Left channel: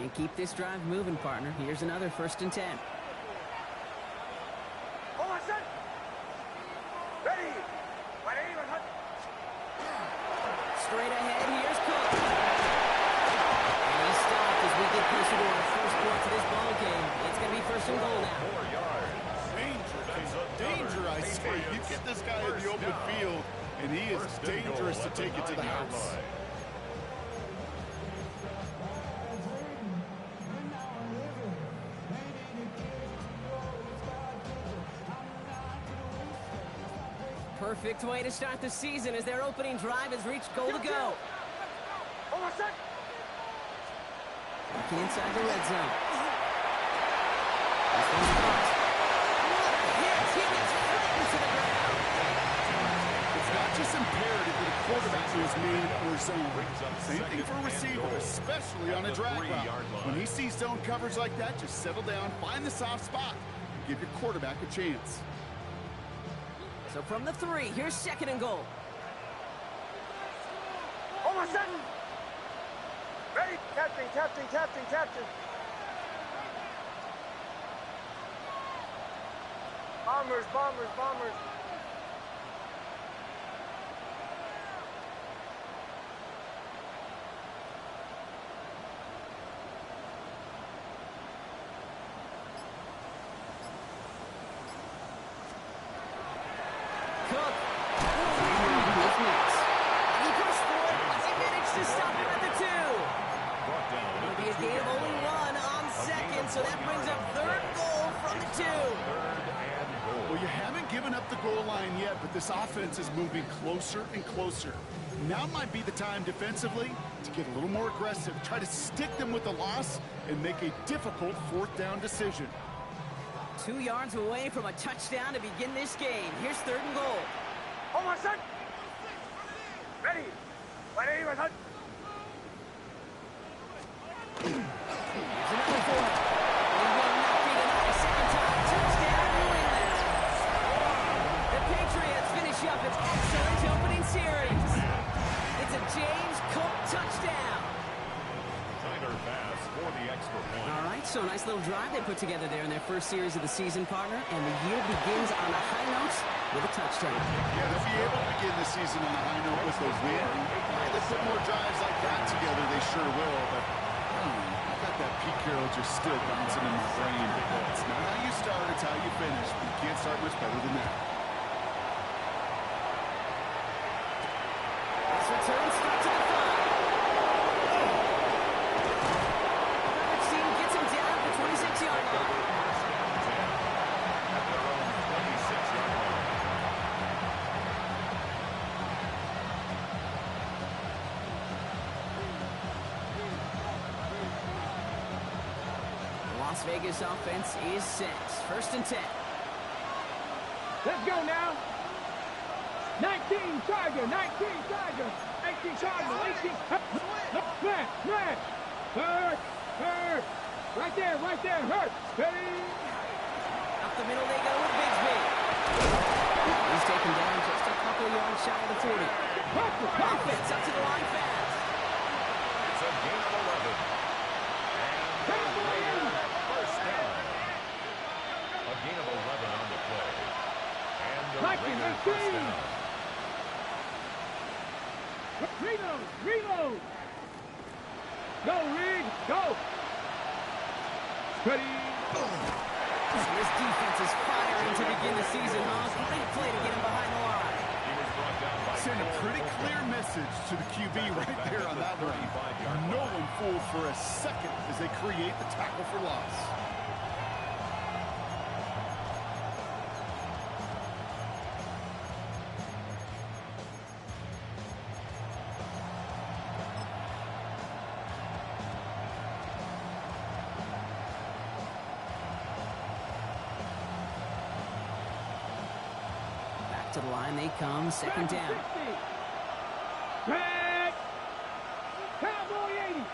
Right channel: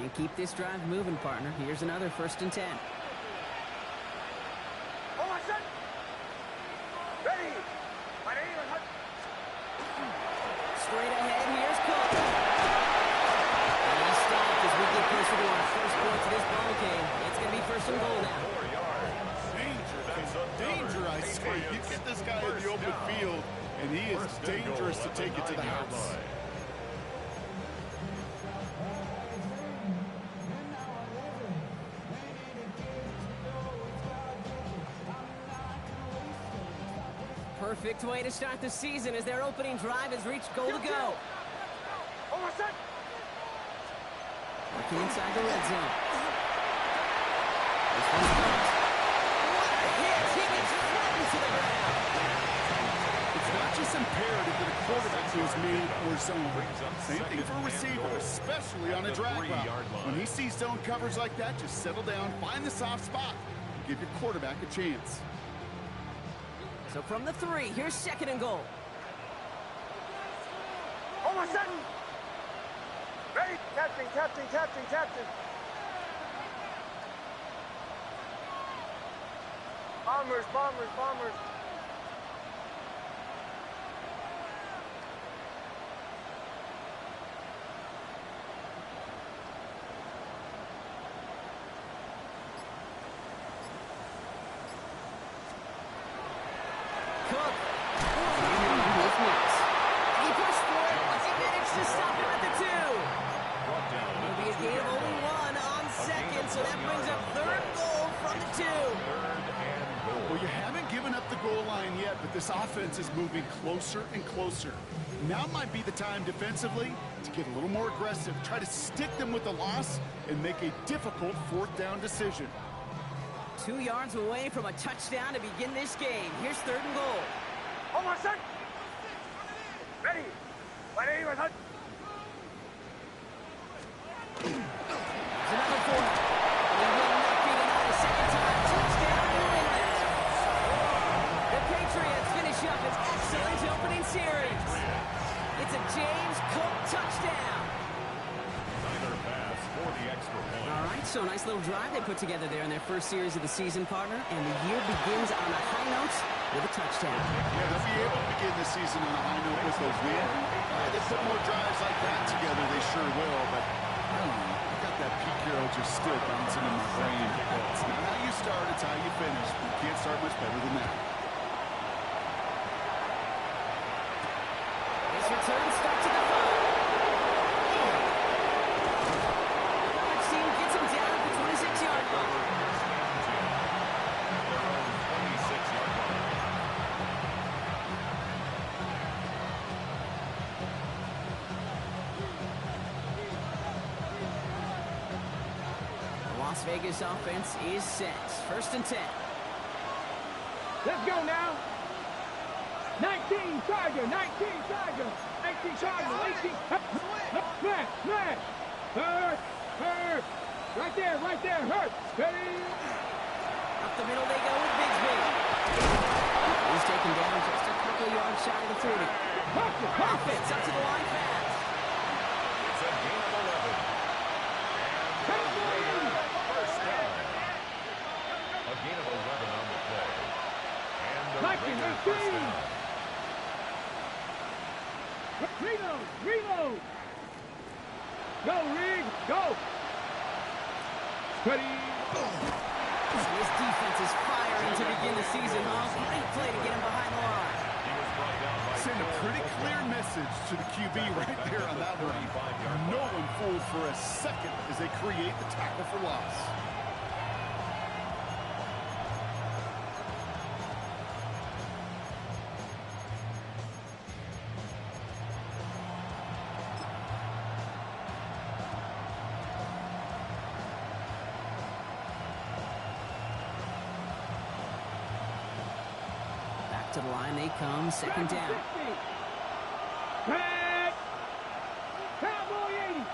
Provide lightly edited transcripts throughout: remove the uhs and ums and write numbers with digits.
And keep this drive moving, partner. Here's another 1st and 10. Ready. Straight ahead, here's Cook. And he stopped as we get closer to our first point to this ball game. It's going to be 1st and goal now. 4 yards. Danger, I say. You get this guy in the open field, and he is dangerous to take it to the house. Perfect way to start the season as their opening drive has reached goal to go. Working inside the red zone. This one's caught. What a hit! He gets flattened to the ground. It's not just imperative that a quarterback knows man or zone. Same thing for a receiver, especially on a drag route. When he sees zone coverage like that, just settle down, find the soft spot, and give your quarterback a chance. So from the 3, here's 2nd and goal. Ready. Captain. Bombers. Cook. And he pushed for it, but they managed to stop him at the 2. It'll be a gain of only 1 on 2nd, so that brings up 3rd goal from the 2. 3rd and goal. Well, you haven't given up the goal line yet, but this offense is moving closer and closer. Now might be the time defensively to get a little more aggressive, try to stick them with the loss, and make a difficult 4th down decision. 2 yards away from a touchdown to begin this game. Here's 3rd and goal. Ready. Here's another for him. He will not be denied a 2nd time. Touchdown, New England. The Patriots finish up its excellent opening series. It's a James Cook touchdown. Tyler pass for the extra point. All right, so a nice little drive they put together there in their first series of the season, partner. And the year begins on a high note with a touchdown. Yeah, they'll be able to begin the season on a high note with a win. If they put more drives like that together, they sure will. But I don't know. I got that Pete Carroll just still bouncing in my brain. It's not how you start, it's how you finish. You can't start much better than that. His return starts at the 5. Coverage team gets him down at the 26-yard line. First down 10 at their own 26-yard line. The Las Vegas offense is set. 1st and 10. Let's go now. 19 Tiger, 18 Tiger, 18. Smash. Hurt. Right there, hurt. Steady. Up the middle they go with Bigsby. He's taken down just a couple yards shy of the 40. Offense up to the line fast. It's a gain of 11. And first down. A gain of 11 on the play. And the Raiders first down. Reload. Go, Rig, go. Ready. This defense is firing to begin the season, huh? Great play to get him behind the line. He was brought down by Send a pretty clear message to the QB right there on that one. No one fooled for a second as they create the tackle for loss. To the line they come, 2nd down. Back. Cowboy 80.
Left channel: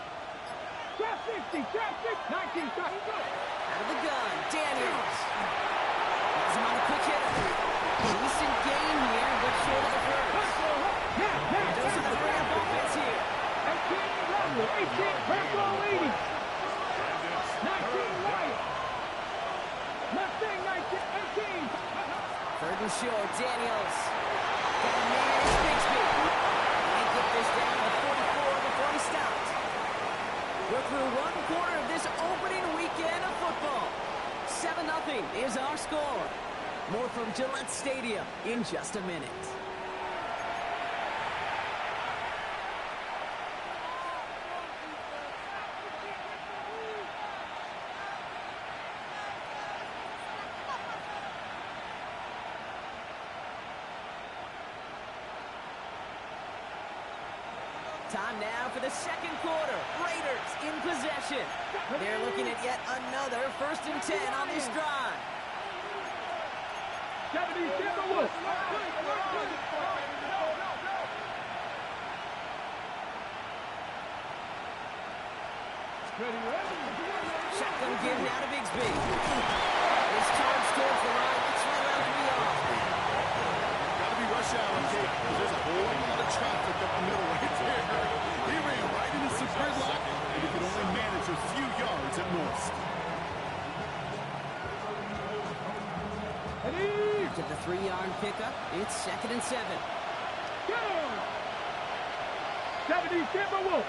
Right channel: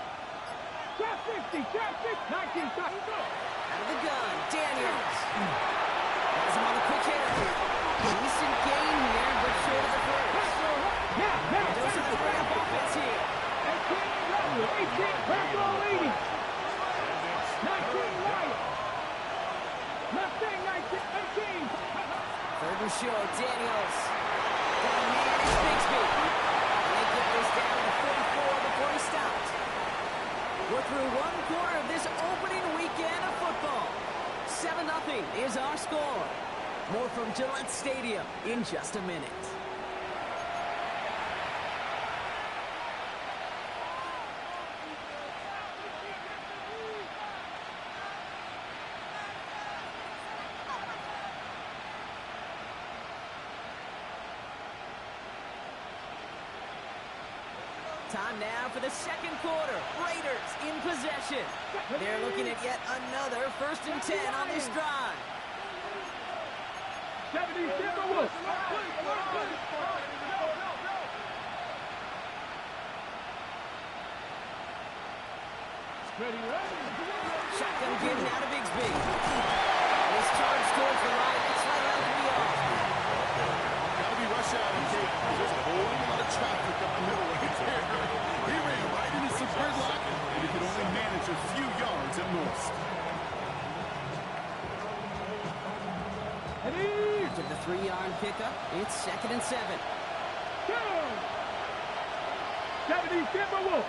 Trap 50. 19. Out of the gun, Daniels. Has him on the quick hitter. Decent gain here, but short of the first. Dose of the hurry-up offense here. 18, Purple 80. right. Left thing, 19, 18. Third and short, Daniels. Got a man, it's Bigsby. They get this down to 44 before he stopped. We're through one quarter of this opening weekend of football. 7-0 is our score. More from Gillette Stadium in just a minute. Time now for the second quarter. Raiders in possession. They're looking at yet another 1st and 10 on this drive. 70 Timberwolves. Ready. Shotgun give now to Bigsby. This charge towards the right. It's right around to be off. Got to be rush hour, Kate, because there's a whole lot of traffic up the middle right there. He ran right into some gridlock, and he could only manage a few yards at most. After the 3-yard pickup, it's 2nd and 7. Go! 70 Timberwolves.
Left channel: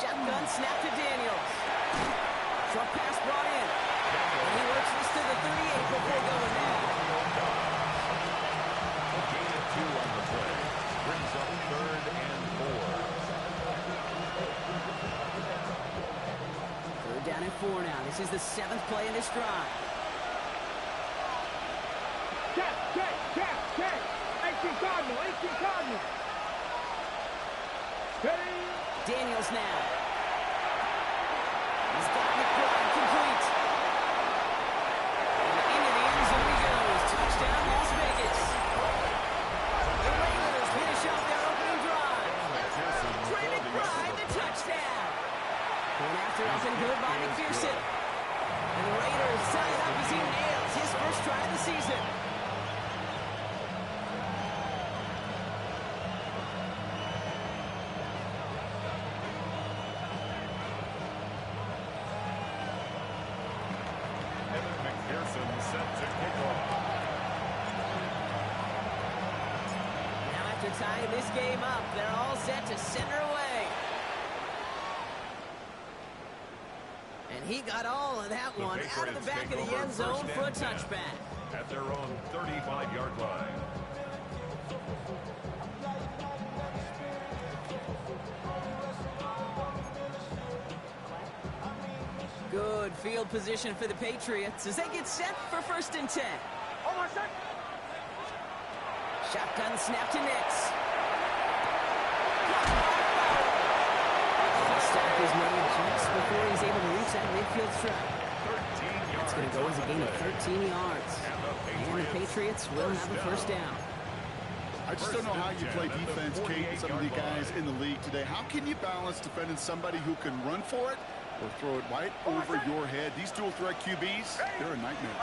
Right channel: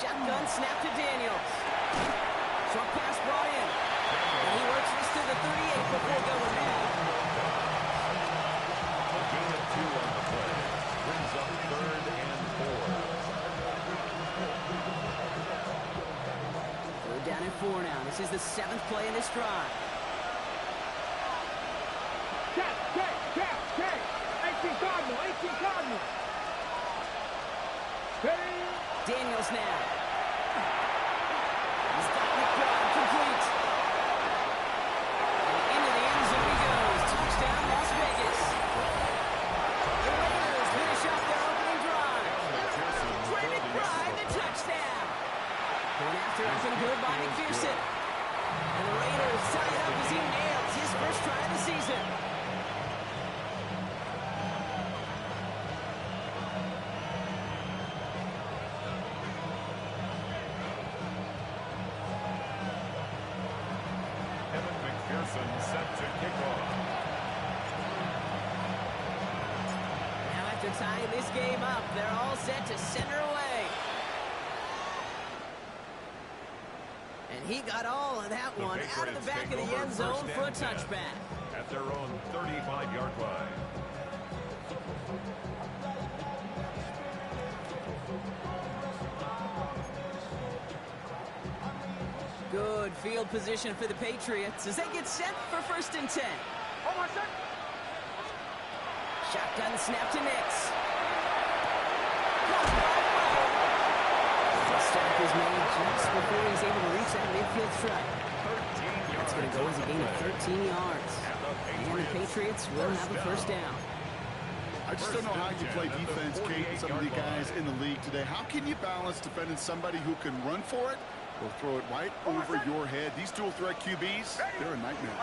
Shotgun snap to Daniels. Short pass brought in. And he works this to the 38 before going down. A gain of 2 on the play. Brings up 3rd and 4. 3rd down and 4 now. This is the 7th play in this drive. Check. 18 Cardinal. Steady. Daniels now. He's got McBride complete. And into the end zone he goes. Touchdown, Las Vegas. The Raiders finish off their opening drive. Trey McBride, the touchdown. Going after up and good by McPherson. And the Raiders tie it up as he nails his first try of the season. Set to kick off. Now after tying this game up, they're all set to center away. And he got all of that one out of the back of the end zone for a touchback. At their own 35-yard line. Good field position for the Patriots as they get set for 1st and 10. Hold on a sec. Shotgun snap to Nix. Caught by Fowler. The stop is made just before he's able to reach that midfield strike. 13 yards. That's going to go as a gain of 13 yards. And the Patriots will have a 1st down. I just don't know how you play defense, Kate, and some of the guys in the league today. How can you balance defending somebody who can run for it or throw it right over your head? These dual threat QBs, they're a nightmare.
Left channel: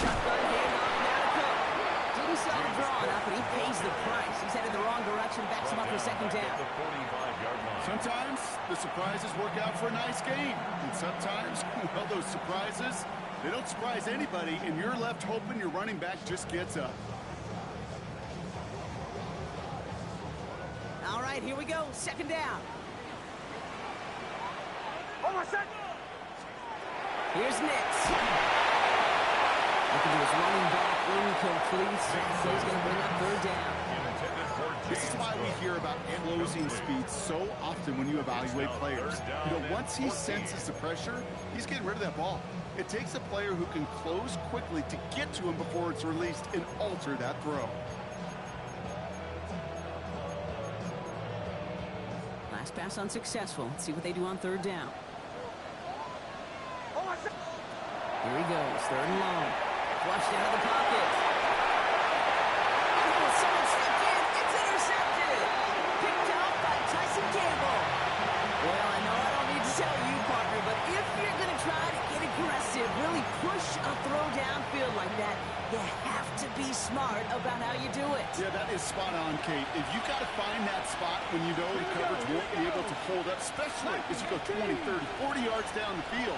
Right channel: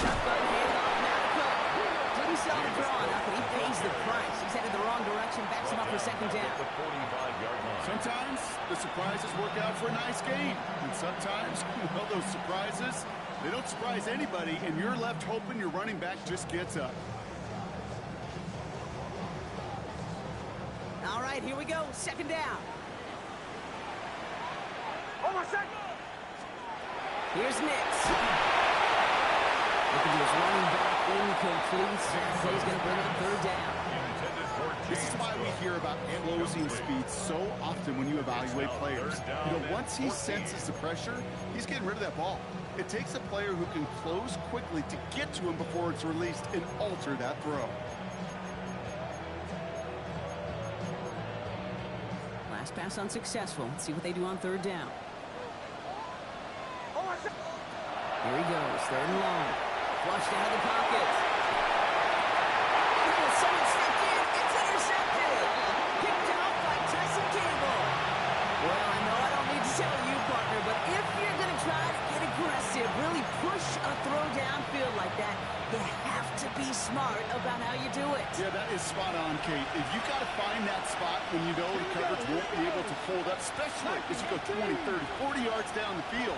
Shotgun handoff now to Cook. Didn't sell the draw enough, and he pays the price. He's headed the wrong direction, backs him up for 2nd down. The 45-yard line. Sometimes the surprises work out for a nice game. And sometimes, well, those surprises, they don't surprise anybody, and you're left hoping your running back just gets up. All right, here we go. 2nd down. Hold on a sec. Here's Nix. Looking to his running back, incomplete. Play's going to bring up 3rd down. This is why we hear about closing speed so often when you evaluate players. You know, once he senses the pressure, he's getting rid of that ball. It takes a player who can close quickly to get to him before it's released and alter that throw. Last pass unsuccessful. Let's see what they do on 3rd down. Here he goes, 3rd and long. Flushed out of the pocket. And someone stepped in. It's intercepted. intercepted. Picked off by Tyson Campbell. Well, I know I don't need to tell you, partner, but if you're going to try to get aggressive, really push a throw downfield like that, you have to be smart about how you do it. Yeah, that is spot on, Kate. If you got to find that spot when you know the coverage won't be able to hold up, especially as you go 20, 30, 40 yards down the field.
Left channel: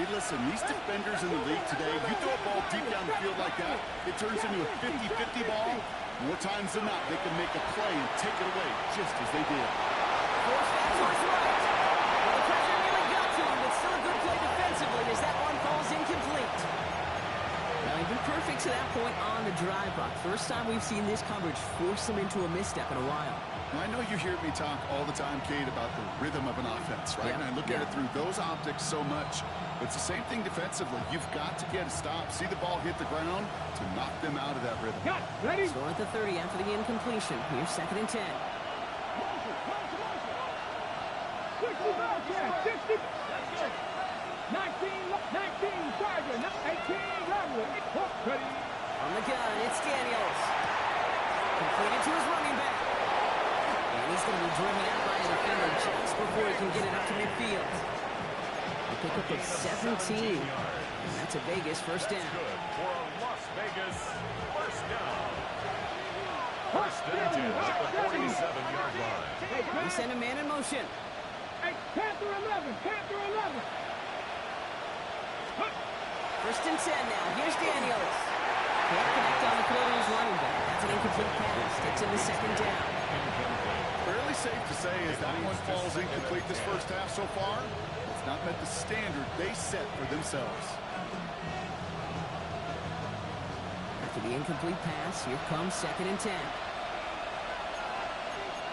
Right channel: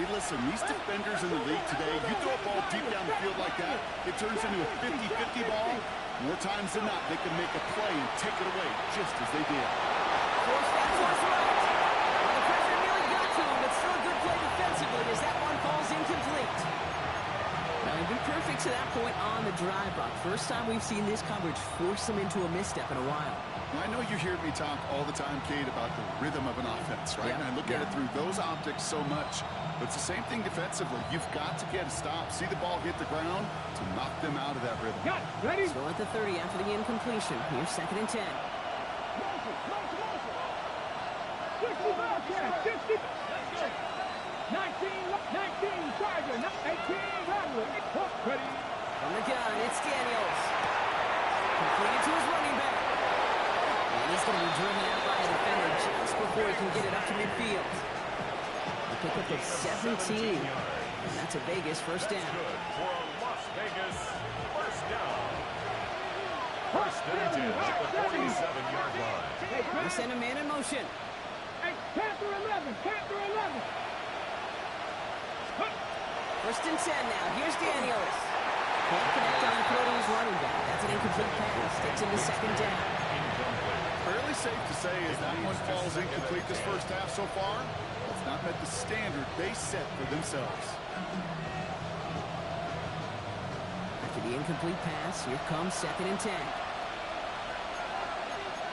Hey, listen, these defenders in the league today, you throw a ball deep down the field like that, it turns into a 50-50 ball. More times than not, they can make a play and take it away, just as they did. Force that towards right. Well, the pressure nearly got to him, but still a good play defensively as that one falls incomplete. Well, he'd been perfect to that point on the drive block. First time we've seen this coverage force him into a misstep in a while. Now, I know you hear me talk all the time, Kate, about the rhythm of an offense, right? And I look at it through those optics so much. But it's the same thing defensively. You've got to get a stop, see the ball hit the ground to knock them out of that rhythm. Got it. Ready? Still at the 30 after the incompletion. Here's 2nd and 10. 60 Bearcats, 60. 19 Tiger, 18 Rattler. Ready? From the gun, it's Daniels. Completed to his running back. And he's going to be driven out by a defender just before he can get it up to midfield. A pickup of 17. And that's a Vegas first down. Good for a Las Vegas first down. First and 10 at the 47-yard line. We send a man in motion. Hey, Panther 11, Panther 11. First and 10 now. Here's Daniels. Can't connect on the throw to his running back. That's an incomplete pass. Takes him to 2nd down. Incomplete. Fairly safe to say as that one falls incomplete this first half so far. It's not met the standard they set for themselves. After the incomplete pass, here comes 2nd and 10.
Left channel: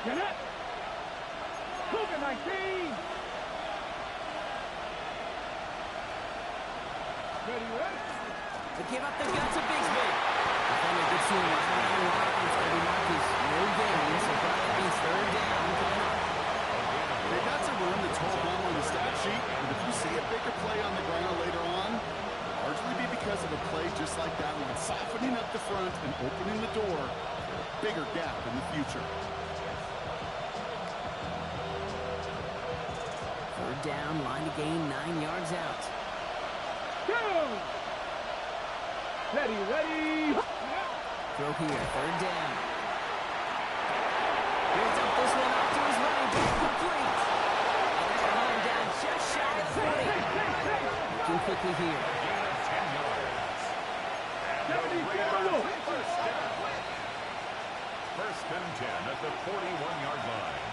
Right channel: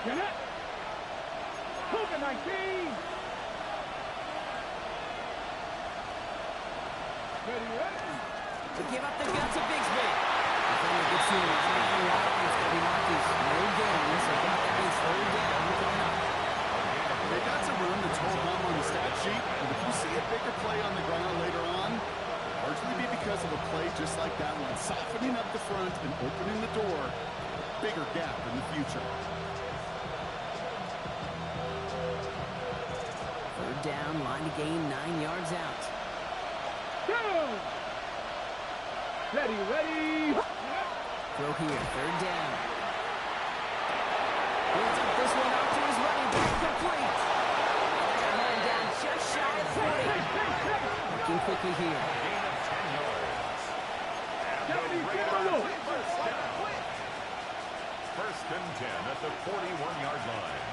Get it. Cougar 19. Ready? To give up the guts of Bigsby. Defender gets to him right around the line. It's going to be Marcus. No gain, so that means 3rd down coming up. Hey, that's a run that's hold on the stat sheet. But if you see a bigger play on the ground later on, it'll largely be because of a play just like that one, softening up the front and opening the door for a bigger gap in the future. 3rd down, line to gain 9 yards out. Go! Ready. Throw here, 3rd down. Builds up this one off to his running back, complete. And they're going to hold him down just shy of the 40. Looking quickly here. A gain of 10 yards. And the 74. Raiders first down. First and 10 at the 41-yard line.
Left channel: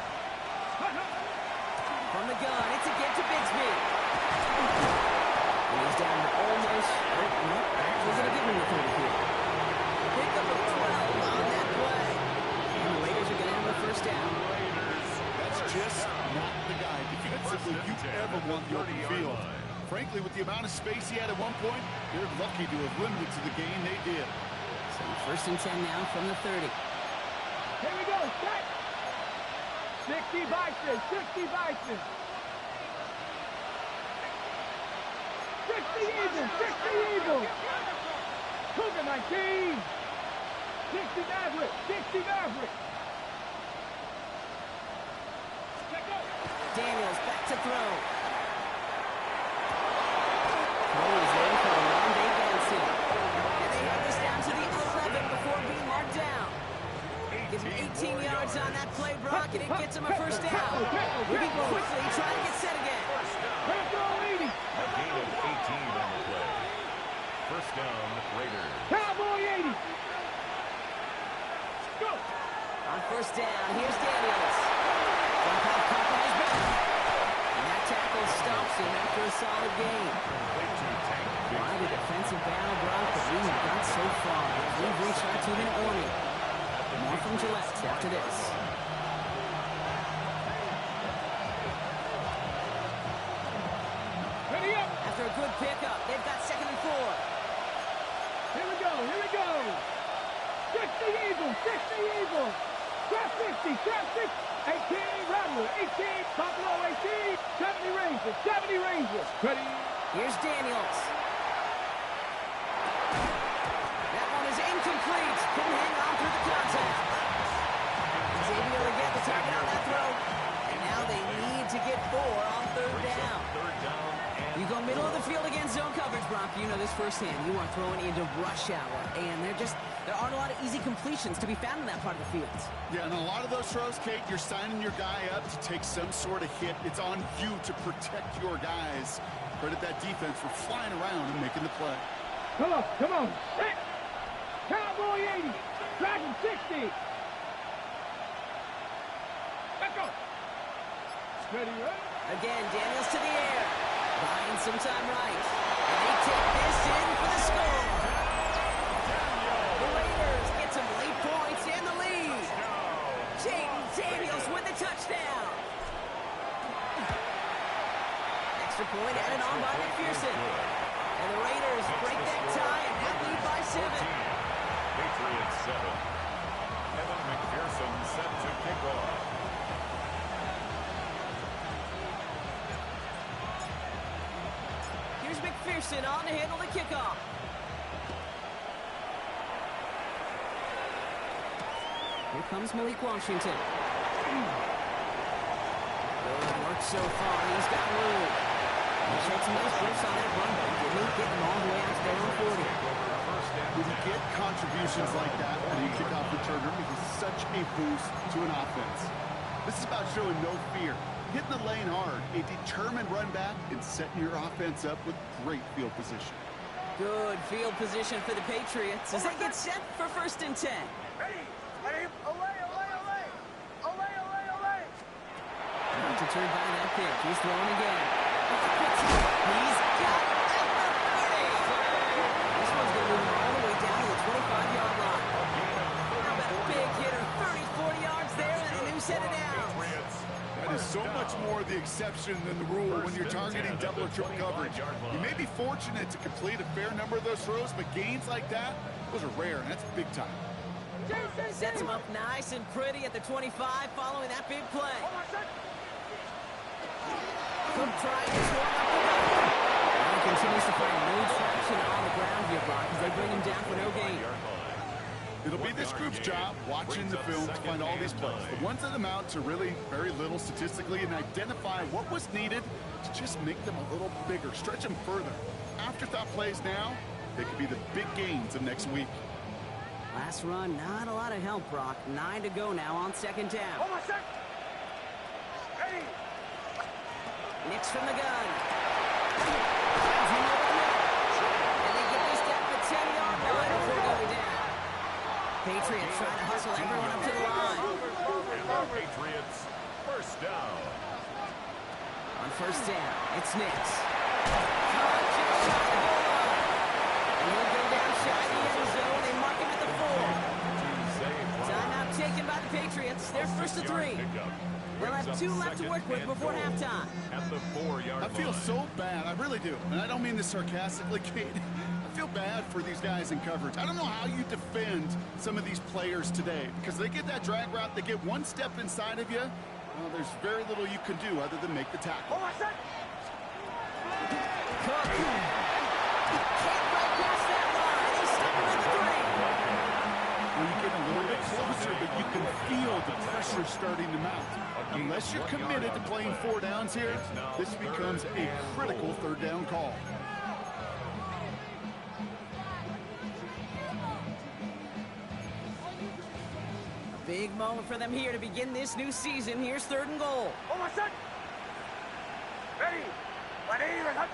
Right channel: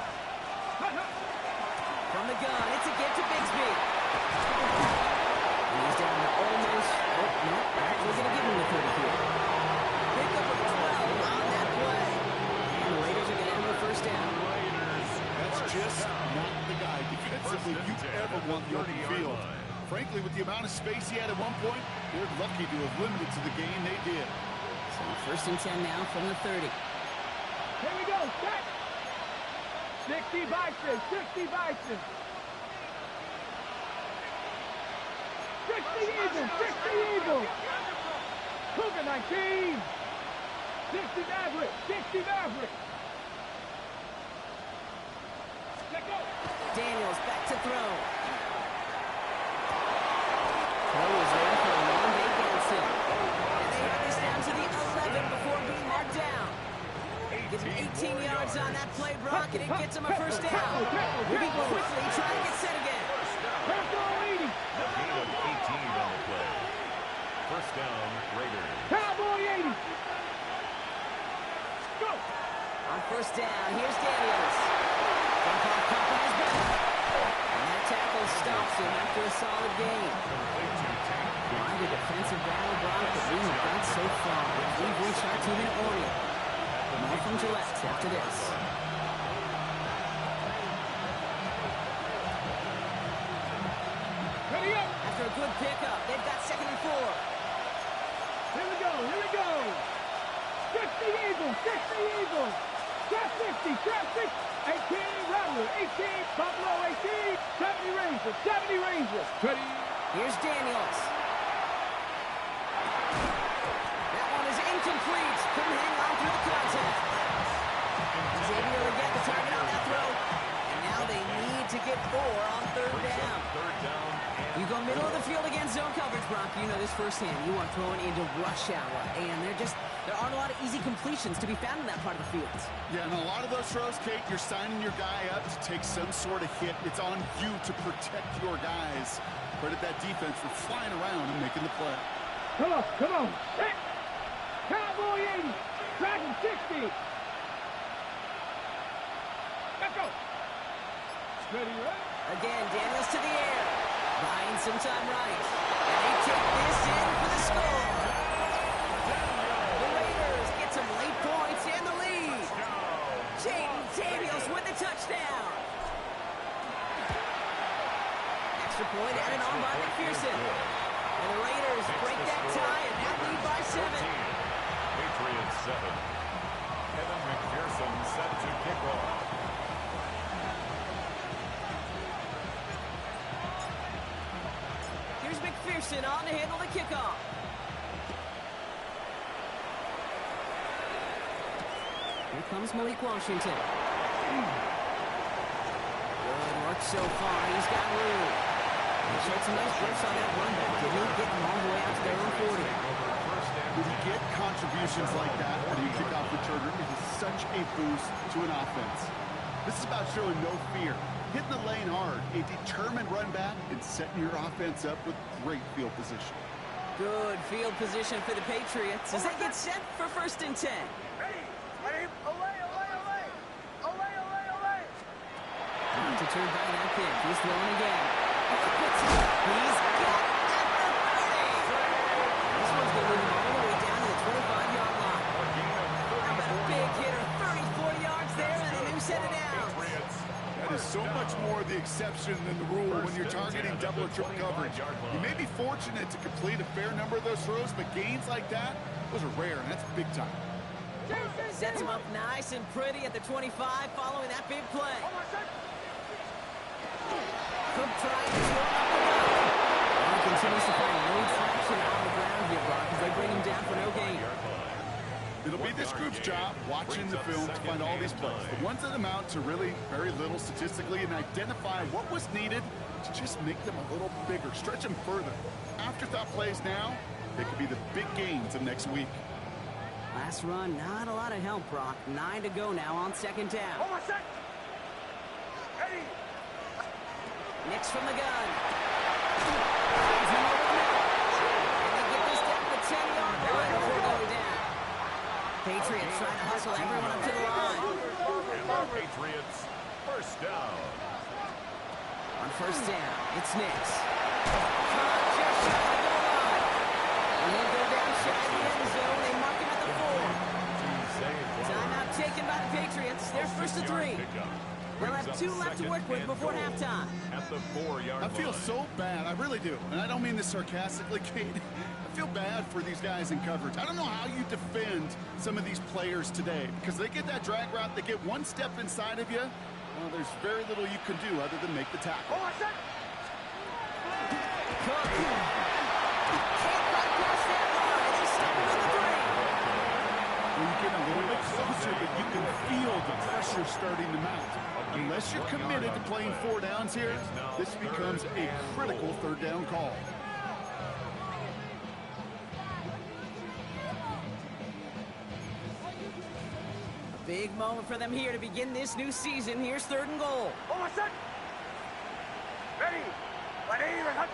From the gun, it's a get to Bigsby. And he's down to almost, no, actually going to give him the 30 here. Pickup of 12 on that play. And the Raiders are going to have a first down. That's just not the guy defensively you ever want the open field. Frankly, with the amount of space he had at one point, they're lucky to have limited to the gain they did. So 1st and 10 now from the 30. Here we go, set. 60 Bison, 60 Bison. 60 Eagles. Cougar 19. 60 Maverick. Let go. Daniels back to throw. Throw is there for a long day Benson. And they have this down to the 11 before being marked down. Give him 18 yards on that play, Brock, and it gets him a first down. Moving quickly, trying to get set again. Cowboy 80. A gain of 18 on the play. First down, Raiders. Cowboy 80. Go. On first down, here's Daniels. Jump off top of his back. And that tackle stops him after a solid gain. Why the defensive battle, Brock, that we have got so far. We've reached our 2-minute warning. More from Gillette after this. Ready up. After a good pickup, they've got 2nd and 4. Here we go. 60 Eagles. Trap 50. 18 Rattler. 18 Buffalo 18. 70 Rangers. Ready. Here's Daniels. That one is incomplete. Couldn't hang on through the contact. He's able to get the target on that throw. And now they need to get 4 on third down. Third down and You go middle of the field against zone coverage, Brock. You know this firsthand. You are throwing into rush hour. And there aren't a lot of easy completions to be found in that part of the field. Yeah, and a lot of those throws, Kate, you're signing your guy up to take some sort of hit. It's on you to protect your guys. Credit that defense for flying around and making the play. Come on, come on. Set. Cowboy 80. Dragon 60. Let's go. Ready, right? Again, Daniels to the air. Buying some time right. And they take this in for the score. The Raiders get some late points and the lead. Jaden Daniels with the touchdown. Extra point added on by McPherson. And the Raiders break that tie and now lead by 7. Patriots 7. Kevin McPherson set to kick off. Here's McPherson on to handle the kickoff. Here comes Malik Washington. Good work so far. He's got room. He showed some nice bursts on that run back, didn't he? Getting them all the way out to their own 40. When you get contributions like that when you kick off returner, it is such a boost to an offense. This is about showing no fear, hitting the lane hard, a determined run back, and setting your offense up with great field position. Good field position for the Patriots as they get set for 1st and 10. Ready. Ready. Away, away, away. Away, away, away. Not deterred by that pick. He's throwing again. He's got it at the 30. This one's going to move him all the way down to the 25-yard line. How about a big hitter, 30, 40 yards there, and a new set of downs. That is so much more the exception than the rule when you're targeting double or triple coverage. You may be fortunate to complete a fair number of those throws, but gains like that, those are rare, and that's big time. Sets him up nice and pretty at the 25 following that big play. Cook trying to swarm up the gut. He continues to find no traction on the ground here, Brock, as they bring him down for no gain. It'll be this group's job watching the film to find all these plays, the ones that amount to really very little statistically, and identify what was needed to just make them a little bigger, stretch them further. Afterthought plays now, they could be the big gains of next week. Last run, not a lot of help, Brock. 9 to go now on 2nd down. Hold on a sec. Ready. Nix from the gun. Finds him over the middle. And they get this down to the 10-yard line before going down. Patriots trying to hustle everyone up to the line. And the Patriots 1st down. On 1st down, it's Nix. Caught just shy of the goal line. And he'll go down shy of the end zone. They mark him at the 4. Timeout taken by the Patriots. They're 1st to 3. They'll have 2 left to work with before halftime. At the 4-yard line. I feel so bad. I really do. And I don't mean this sarcastically, Kate. I feel bad for these guys in coverage. I don't know how you defend some of these players today because they get that drag route, they get one step inside of you. Well, there's very little you can do other than make the tackle. Hold on a sec. Cook can't right past that line. They stop him at the 3. Well, you get a little bit closer, but you can feel the pressure starting to mount. Unless you're committed to playing 4 downs here, this becomes a critical 3rd down call. A big moment for them here to begin this new season. Here's 3rd and goal. Hold on a sec. Ready. Ready. Ready.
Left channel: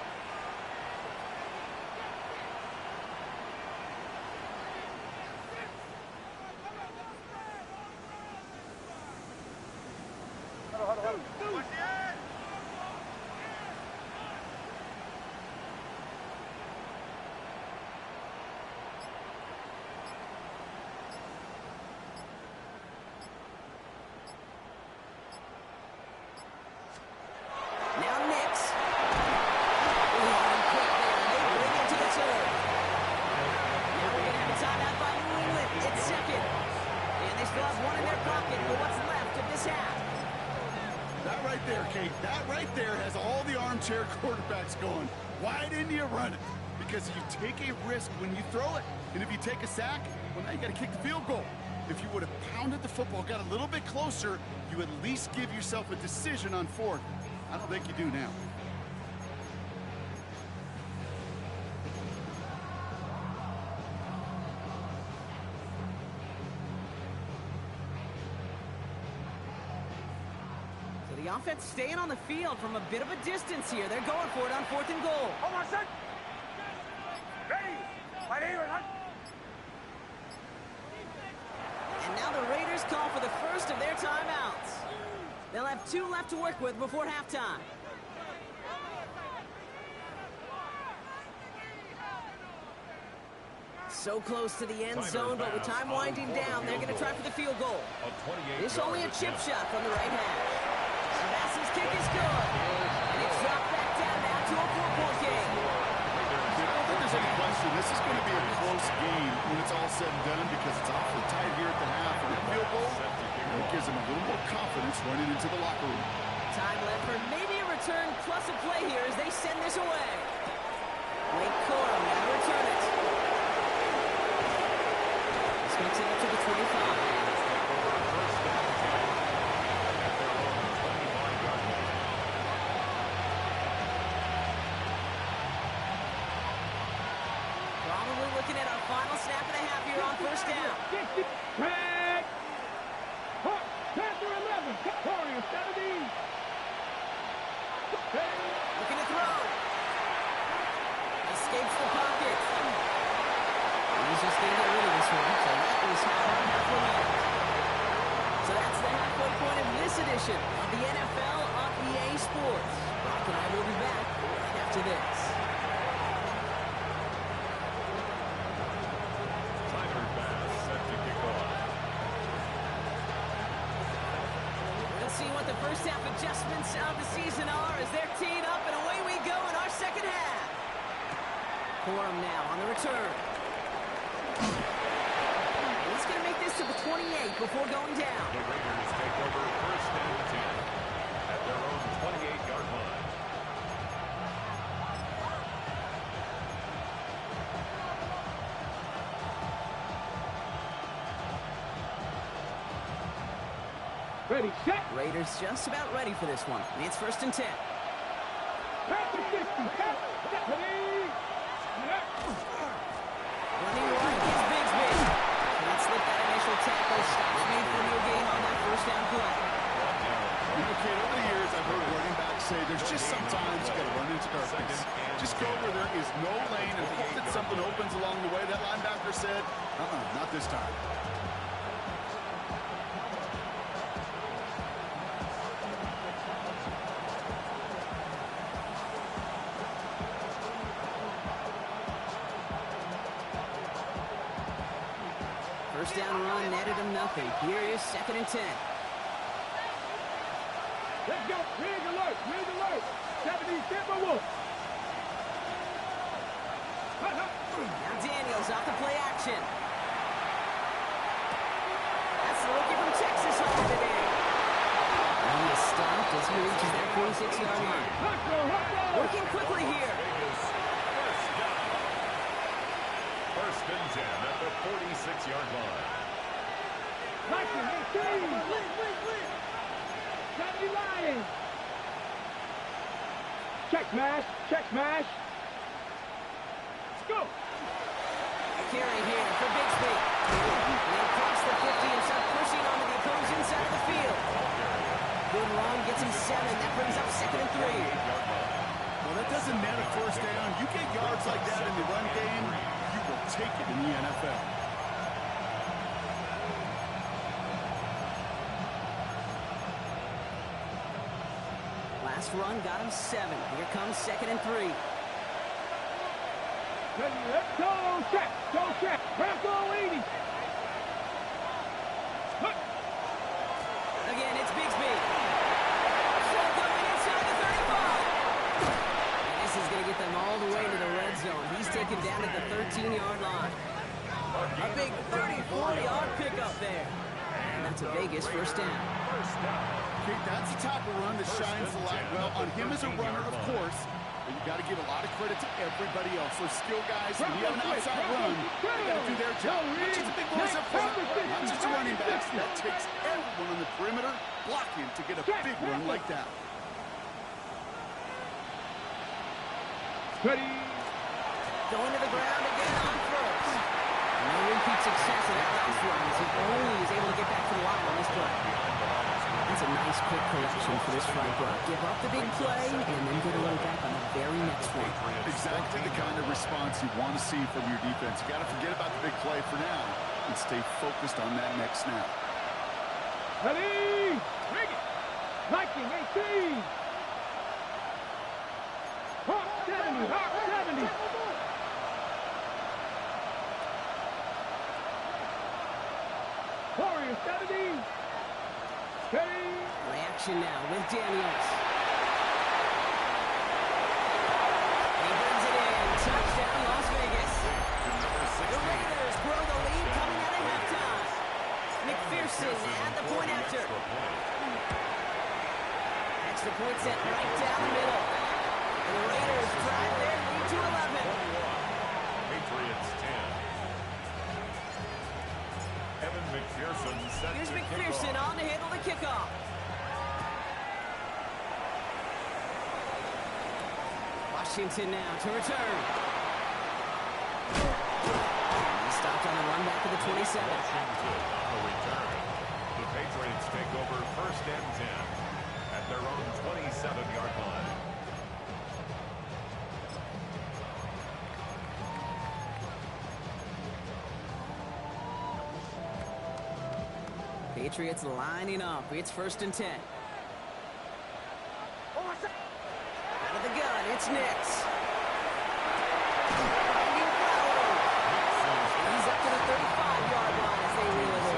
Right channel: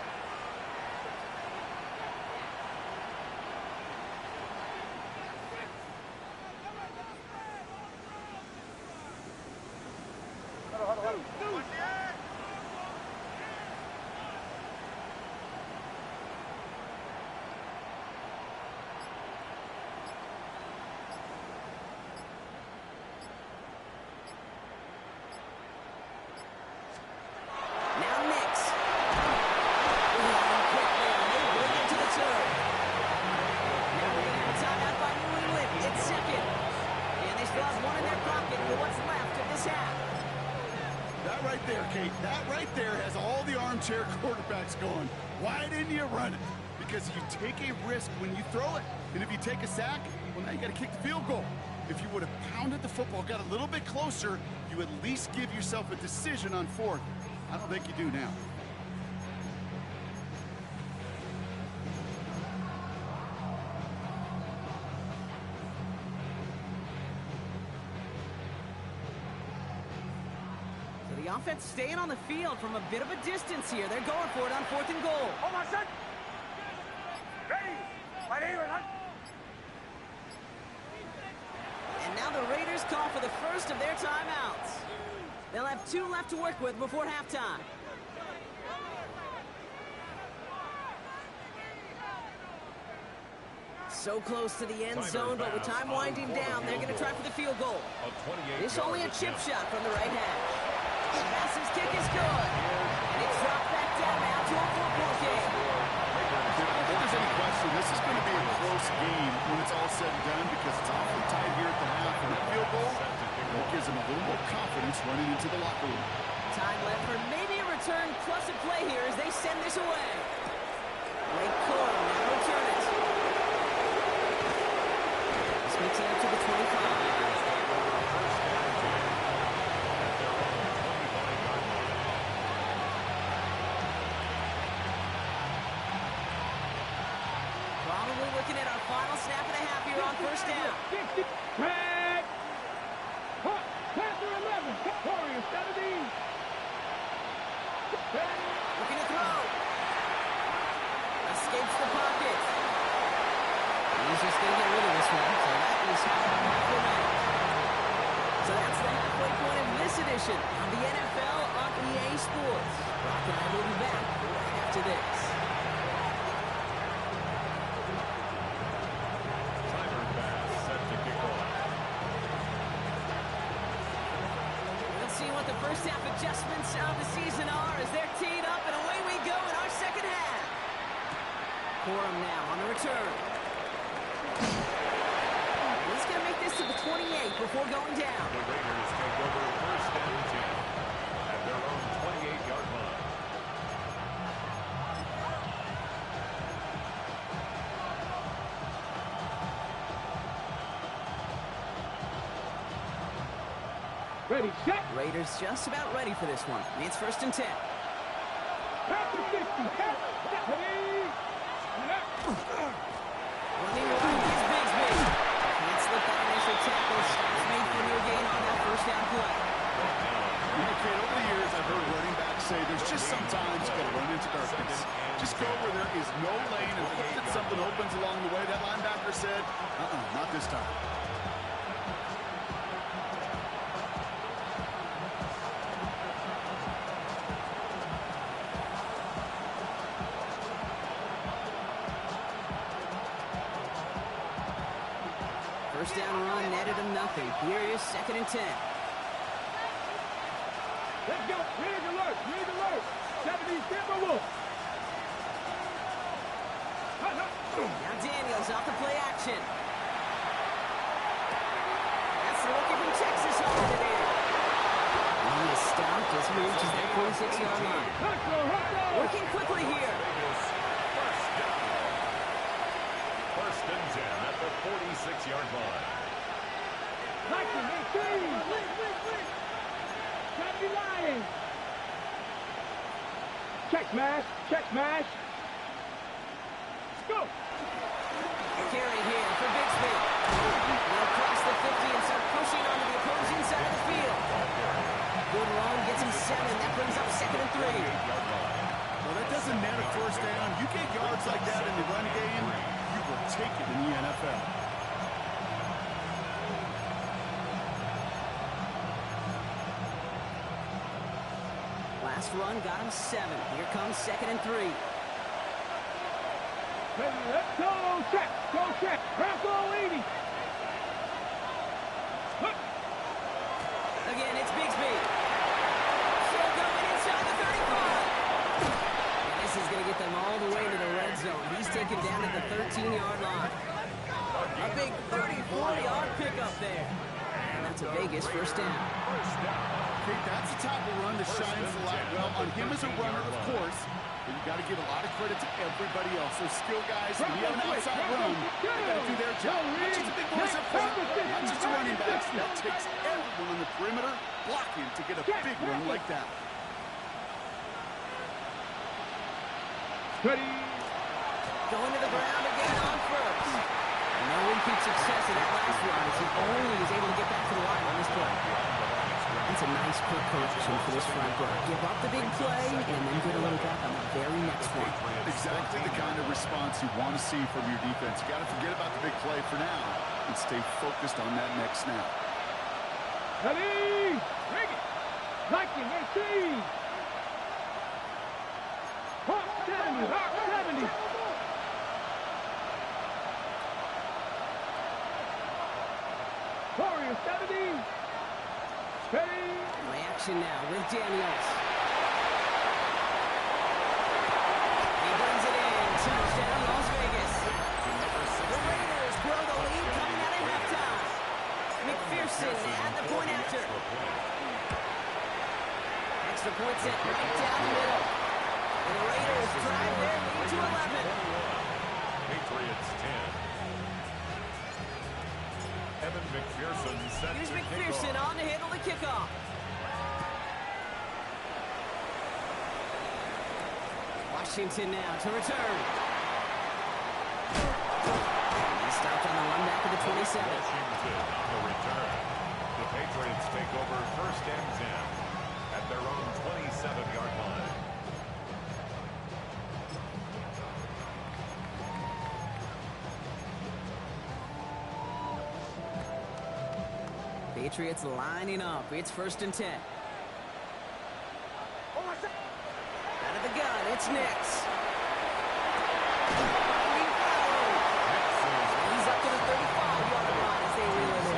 Now Nix. Quick there. They bring it to the turf. Now we're going to have a timeout by New England. It's 2nd. And they still have 1 in their pocket for what's left of this half. That right there, Kate, that right there has all the armchair quarterbacks going. Why didn't you run it? Because you take a risk when you throw it. And if you take a sack, well, now you got to kick the field goal. If you would have pounded the football, got a little bit closer, you at least give yourself a decision on fourth. I don't think you do now. So the offense staying on the field from a bit of a distance here. They're going for it on 4th and goal. Hold on, son. Ready. Right here, huh? And now the Raiders call for the first of their timeouts. They'll have 2 left to work with before halftime. So close to the end zone, but with time winding down, they're going to try for the field goal. This only a chip shot from the right hash. Sebastian's kick is good. And it's dropped back down now to a 4-point game. I don't think there's any question this is going to be a close game when it's all said and done because it's awfully tight here at the half. And that field goal, that gives them a little more confidence running into the locker room. Time left for maybe a return plus a play here as they send this away. Blake Corum now to return it. This makes it up to the 25. Raiders take over first down 10 at their own 25-yard line. Probably looking at our final snap and a half here on first down. 60. Tag. Panther 11. Warrior 17. Looking to throw. Escapes the pocket. He's just going to get rid of this one. So that is how our half will end. So that's the halfway point of this edition of the NFL on EA Sports. Brock and I will be back right after this. Tyler Bass set to kick off. We'll see what the first half adjustments of the season are as they're teed up, and away we go in our second half. Corum now on the return. And he's going to make this to the 28 before going down. The Raiders take over first down 10 at their own 28-yard line. Ready, set. Raiders just about ready for this one. It's first and 10. Panther 60. Ready. Running right is Bigsby. Can't slip that initial tackle. Stops made for no gain on that first down play. Okay, over the years, I've heard running backs say there's just sometimes you got to run into darkness. Just go where there is no lane and hope that something opens along the way. That linebacker said, not this time. First down run netted him nothing. Here is second and 10. Let's go. Rig alert. Rig alert. 70 Timberwolves. Now Daniels off the play action. That's the rookie from Texas hauling it in. And he is stopped as he reaches that 46-yard line. Working quickly here. First down. First and 10 at the 46-yard line. Liking, 18. 70 Lions. Check smash. Check smash. Let's go. A carry here for Bigsby. They'll cross the 50 and start pushing onto the opposing side of the field. Good run, gets him 7. That brings up second and 3. Well, that doesn't net a first down. You get yards like that in the run game, you will take it in the NFL. Last run got him 7. Here comes second and 3. Let's go. Check. Go check. Bronco 80. Again, it's Bigsby. Still going inside the 35. And this is going to get them all the way to the red zone. He's taken down at the 13-yard line. A big 34-yard pickup there. And that's a Vegas first down. Okay, that's the type of run that shines the light well on him as a runner, of course. But you got to give a lot of credit to everybody else. Those skill guys, when you have an outside run, they got to do their job. Not just the big boys up front, not just the running perimeter, blocking to get a big run like that. Ready. Going to the ground again on first. No repeat success in that last run as he only is able to get back to the line on this play. That's a nice quick correction for this front row. Give up the big play and then get a little back on the very next one. Exactly the kind of response you want to see from your defense. You got to forget about the big play for now and stay focused on that next snap. Ready. Ring it. Liking 18. Hawk 70. Hawk 70. Warrior 70. Ready. Play action now with Daniels. He brings it in. Touchdown, Las Vegas. The Raiders grow the lead coming out of halftime. McPherson at the point after. Extra point sent right down the middle. And the Raiders drive their lead to 11. Patriots 10. Evan McPherson set Here's to McPherson kickoff. on to handle the kickoff. Washington now to return. He stopped on the run back of the 27. Washington on the return. The Patriots take over 1st and 10 at their own 27-yard line. Patriots lining up. It's 1st and 10. Out of the gun, it's Nix. Finding Flowers. He's up to the 35-yard line as they reel it in.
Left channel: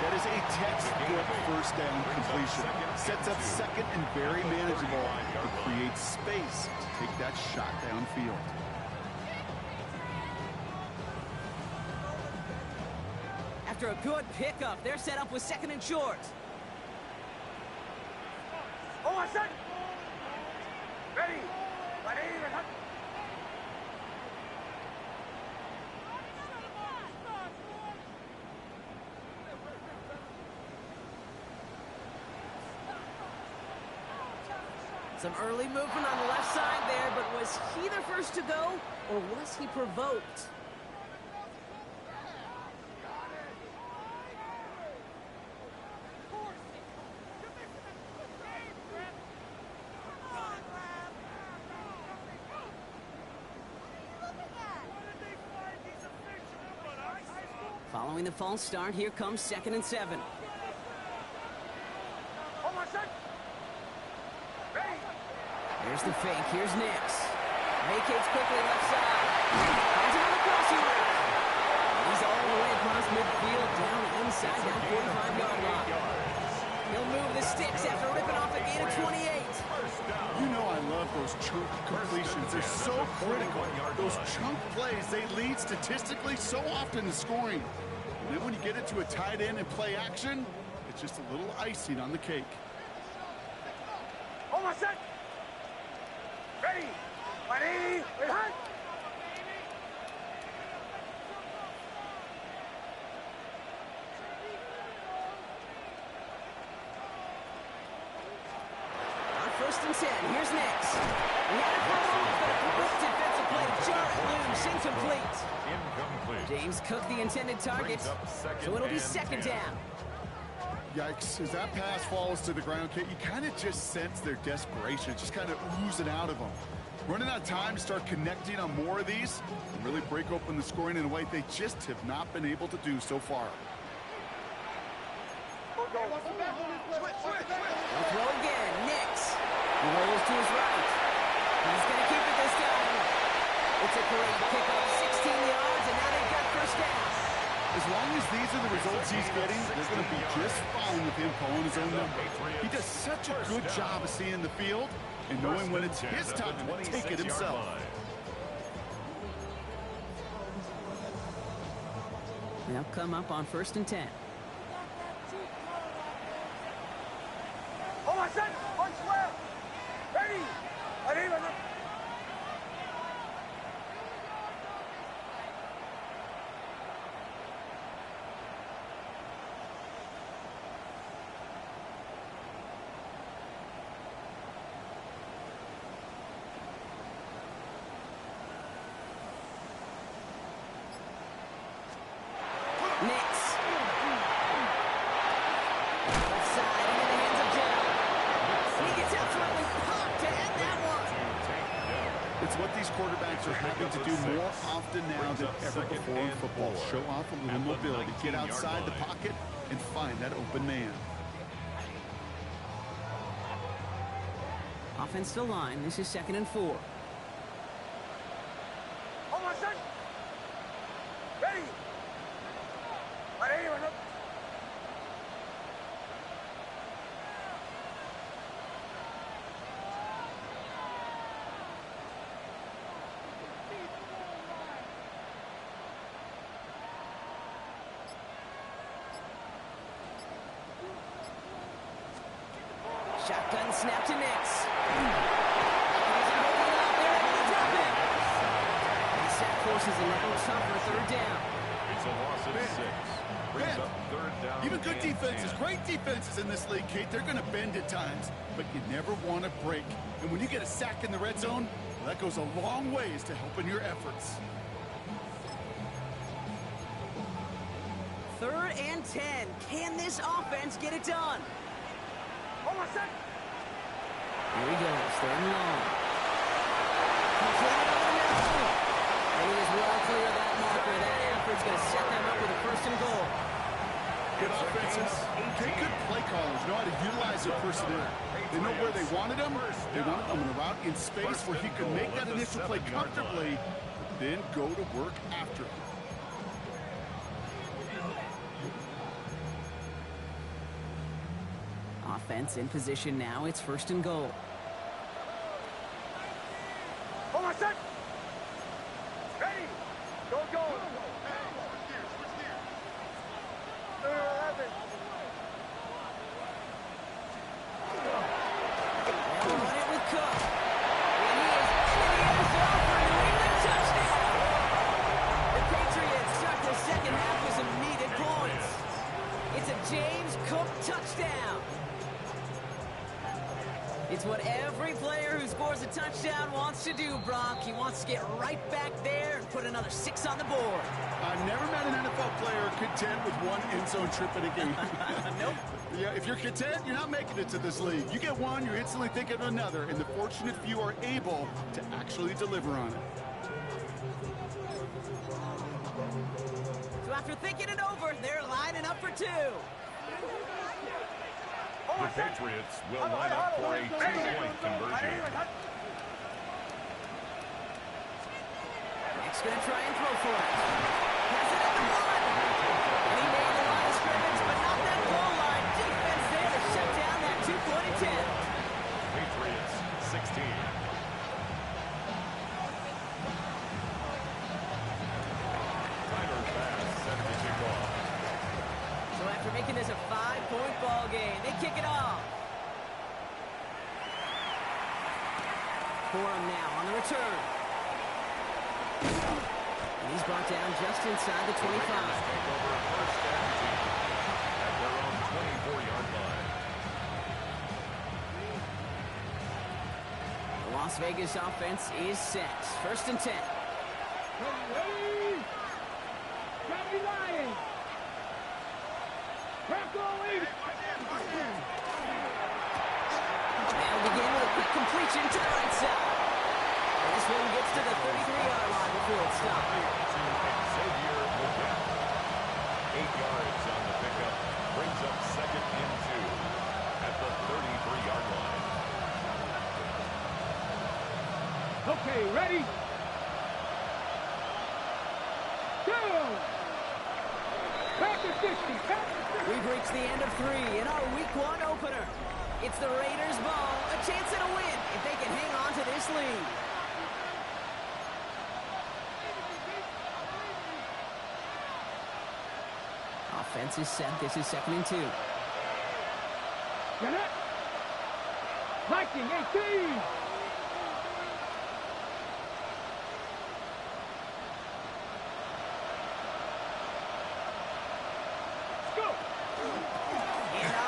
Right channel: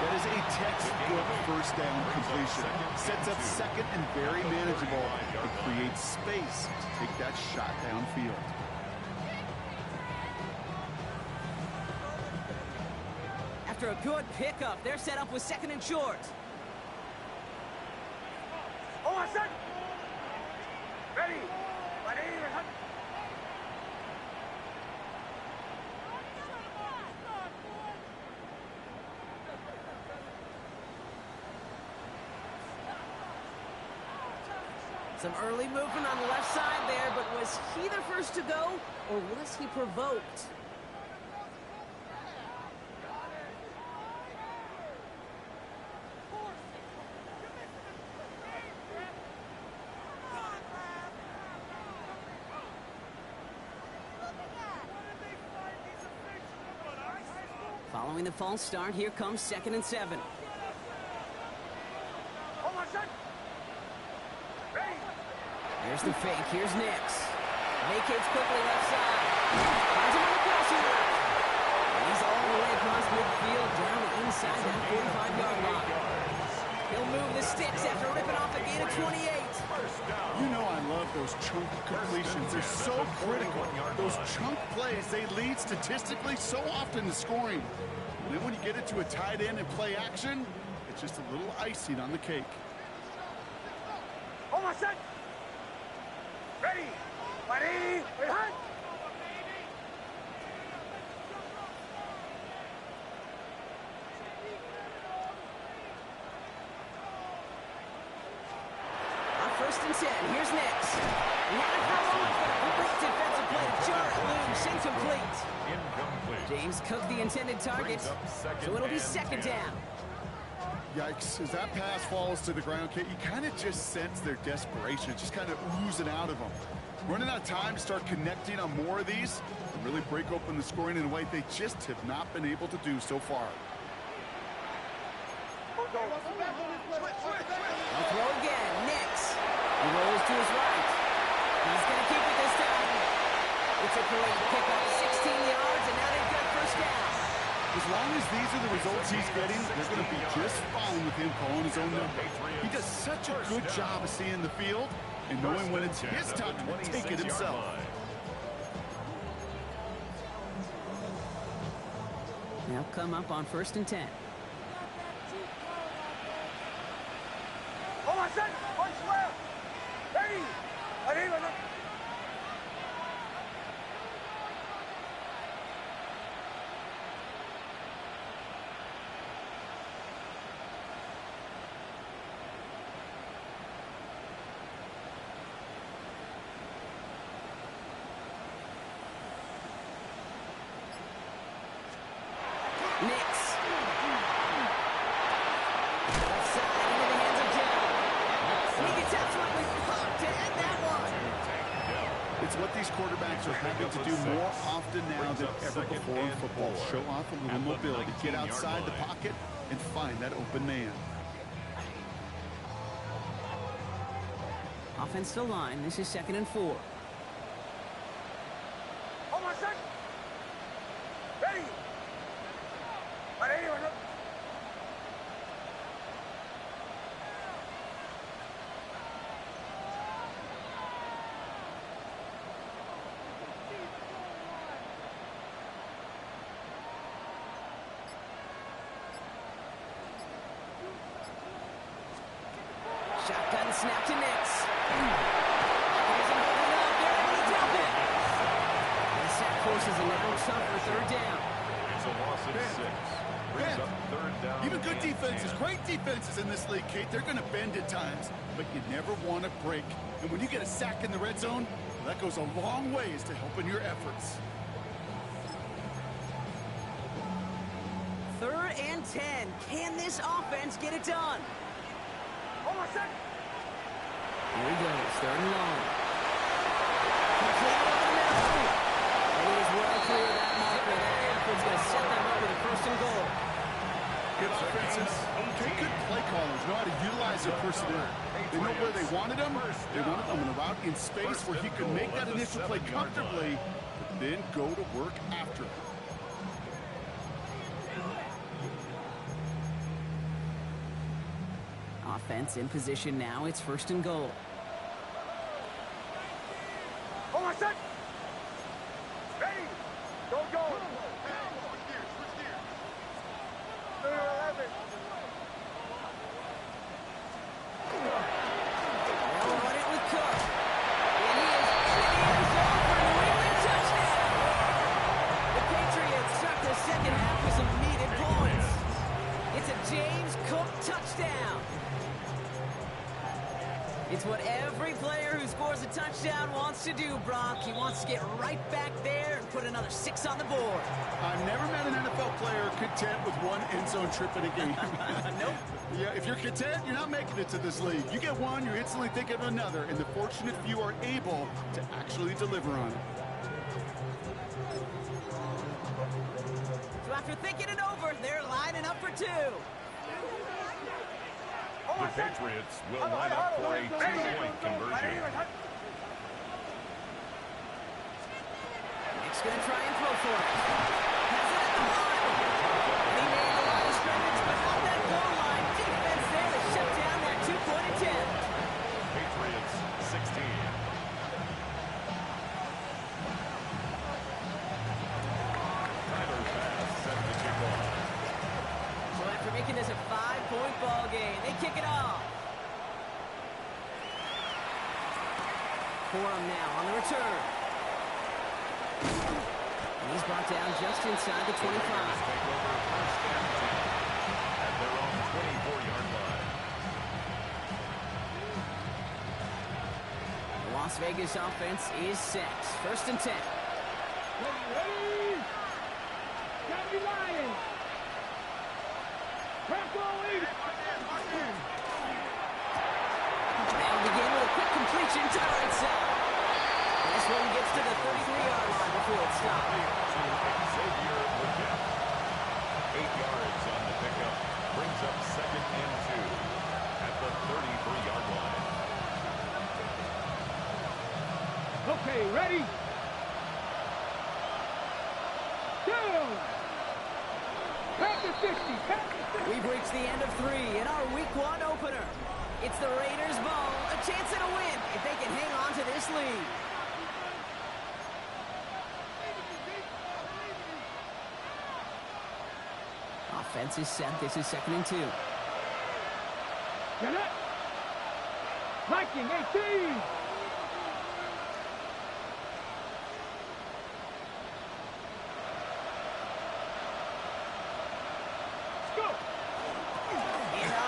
That is a textbook first down completion. Sets up second and very manageable. It creates space to take that shot downfield. After a good pickup, they're set up with 2nd and short. Ready. Some early movement on the left side there, but was he the first to go, or was he provoked? Following the false start, here comes 2nd and 7. Here's the fake. Here's Nix. Vacates quickly left side. Finds him on the crossing route. And he's all the way across midfield down inside that 45-yard line. He'll move the sticks after ripping off a gain of 28. You know I love those chunk completions. They're so critical. Those chunk plays, they lead statistically so often to scoring. And then when you get it to a tight end and play action, it's just a little icing on the cake. Ready. Ready. On 1st and 10, here's Nix. He had it for a moment, but a great defensive play to jar it loose. Incomplete. James Cook, the intended target, so it'll be 2nd down. Yikes, as that pass falls to the ground, Kate, you kind of just sense their desperation, just kind of oozing out of them. Running out of time to start connecting on more of these and really break open the scoring in a way they just have not been able to do so far. They'll throw again. Nix. He rolls to his right. He's going to keep it this time. It's a great pickup, 16 yards, and now they've got 1st down. As long as these are the results he's getting, they're going to be just fine with him calling his own number. He does such a good job of seeing the field and knowing when it's his time to take it himself. They'll come up on 1st and 10. One square. Ready. Nix. Left side into the hands of Dell. And he gets absolutely popped to end that one. It's what these quarterbacks are having to do more often now than ever before in football. Show off a little mobility, get outside the pocket, and find that open man. Offensive line. This is 2nd and 4. Oh, my son. Ready. Ready. Shotgun snap to Nix. He isn't holding up. They're able to drop it. And the sack forces a now tougher 3rd down. It's a loss of 6. Brings up 3rd down. Even good defenses, great defenses in this league, Kate, they're going to bend at times, but you never want to break. And when you get a sack in the red zone, well, that goes a long ways to helping your efforts. 3rd and 10. Can this offense get it done? Oh, my son. Here he goes, 3rd and long. Completed over the middle. And he is well clear of that marker. That effort's going to set them up with a 1st and goal. Good offenses, good play callers know how to utilize their personnel. They know where they wanted them. They wanted them in a route in space where he could make that initial play comfortably, but then go to work after it. Offense in position now. It's 1st and goal. Oh, my son. Ready. Go. Switch gears. 3rd and 11. They'll run it with Cook. And he is into the end zone for a New England touchdown. The Patriots start the 2nd half with some needed points. It's a James Cook touchdown. It's what every player who scores a touchdown wants to do, Brock. He wants to get right back there and put another 6 on the board. I've never met an NFL player content with one end zone trip in a game. Nope. Yeah, if you're content, you're not making it to this league. You get one, you're instantly thinking of another, and the fortunate few are able to actually deliver on it. So after thinking it over, they're lining up for 2. The Patriots will line up for a 2-point conversion. Nick's going to try and throw for it. Has it at the 1. And he made the line of scrimmage, but not that goal line. Defense there to shut down that 2-point attempt. Patriots 16. Tyler Bass set to kick off. So after making this a 5-point ball game, they kick it off. Corum now on the return. And he's brought down just inside the 25. The Raiders take over 1st and 10 at their own 24-yard line. The Las Vegas offense is set. 1st and 10. Ready. Johnny Lions. They'll begin with a quick completion to the right side. And this one gets to the 33-yard line before it's stopped. Xavier Legette. 8 yards on the pickup. Brings up 2nd and 2 at the 33-yard line. Okay, ready? Go! Back to 60. We've reached the end of 3 in our Week 1 opener. It's the Raiders' ball, a chance at a win if they can hang on to this lead. Offense is set. This is 2nd and 2. Get it! Viking 18!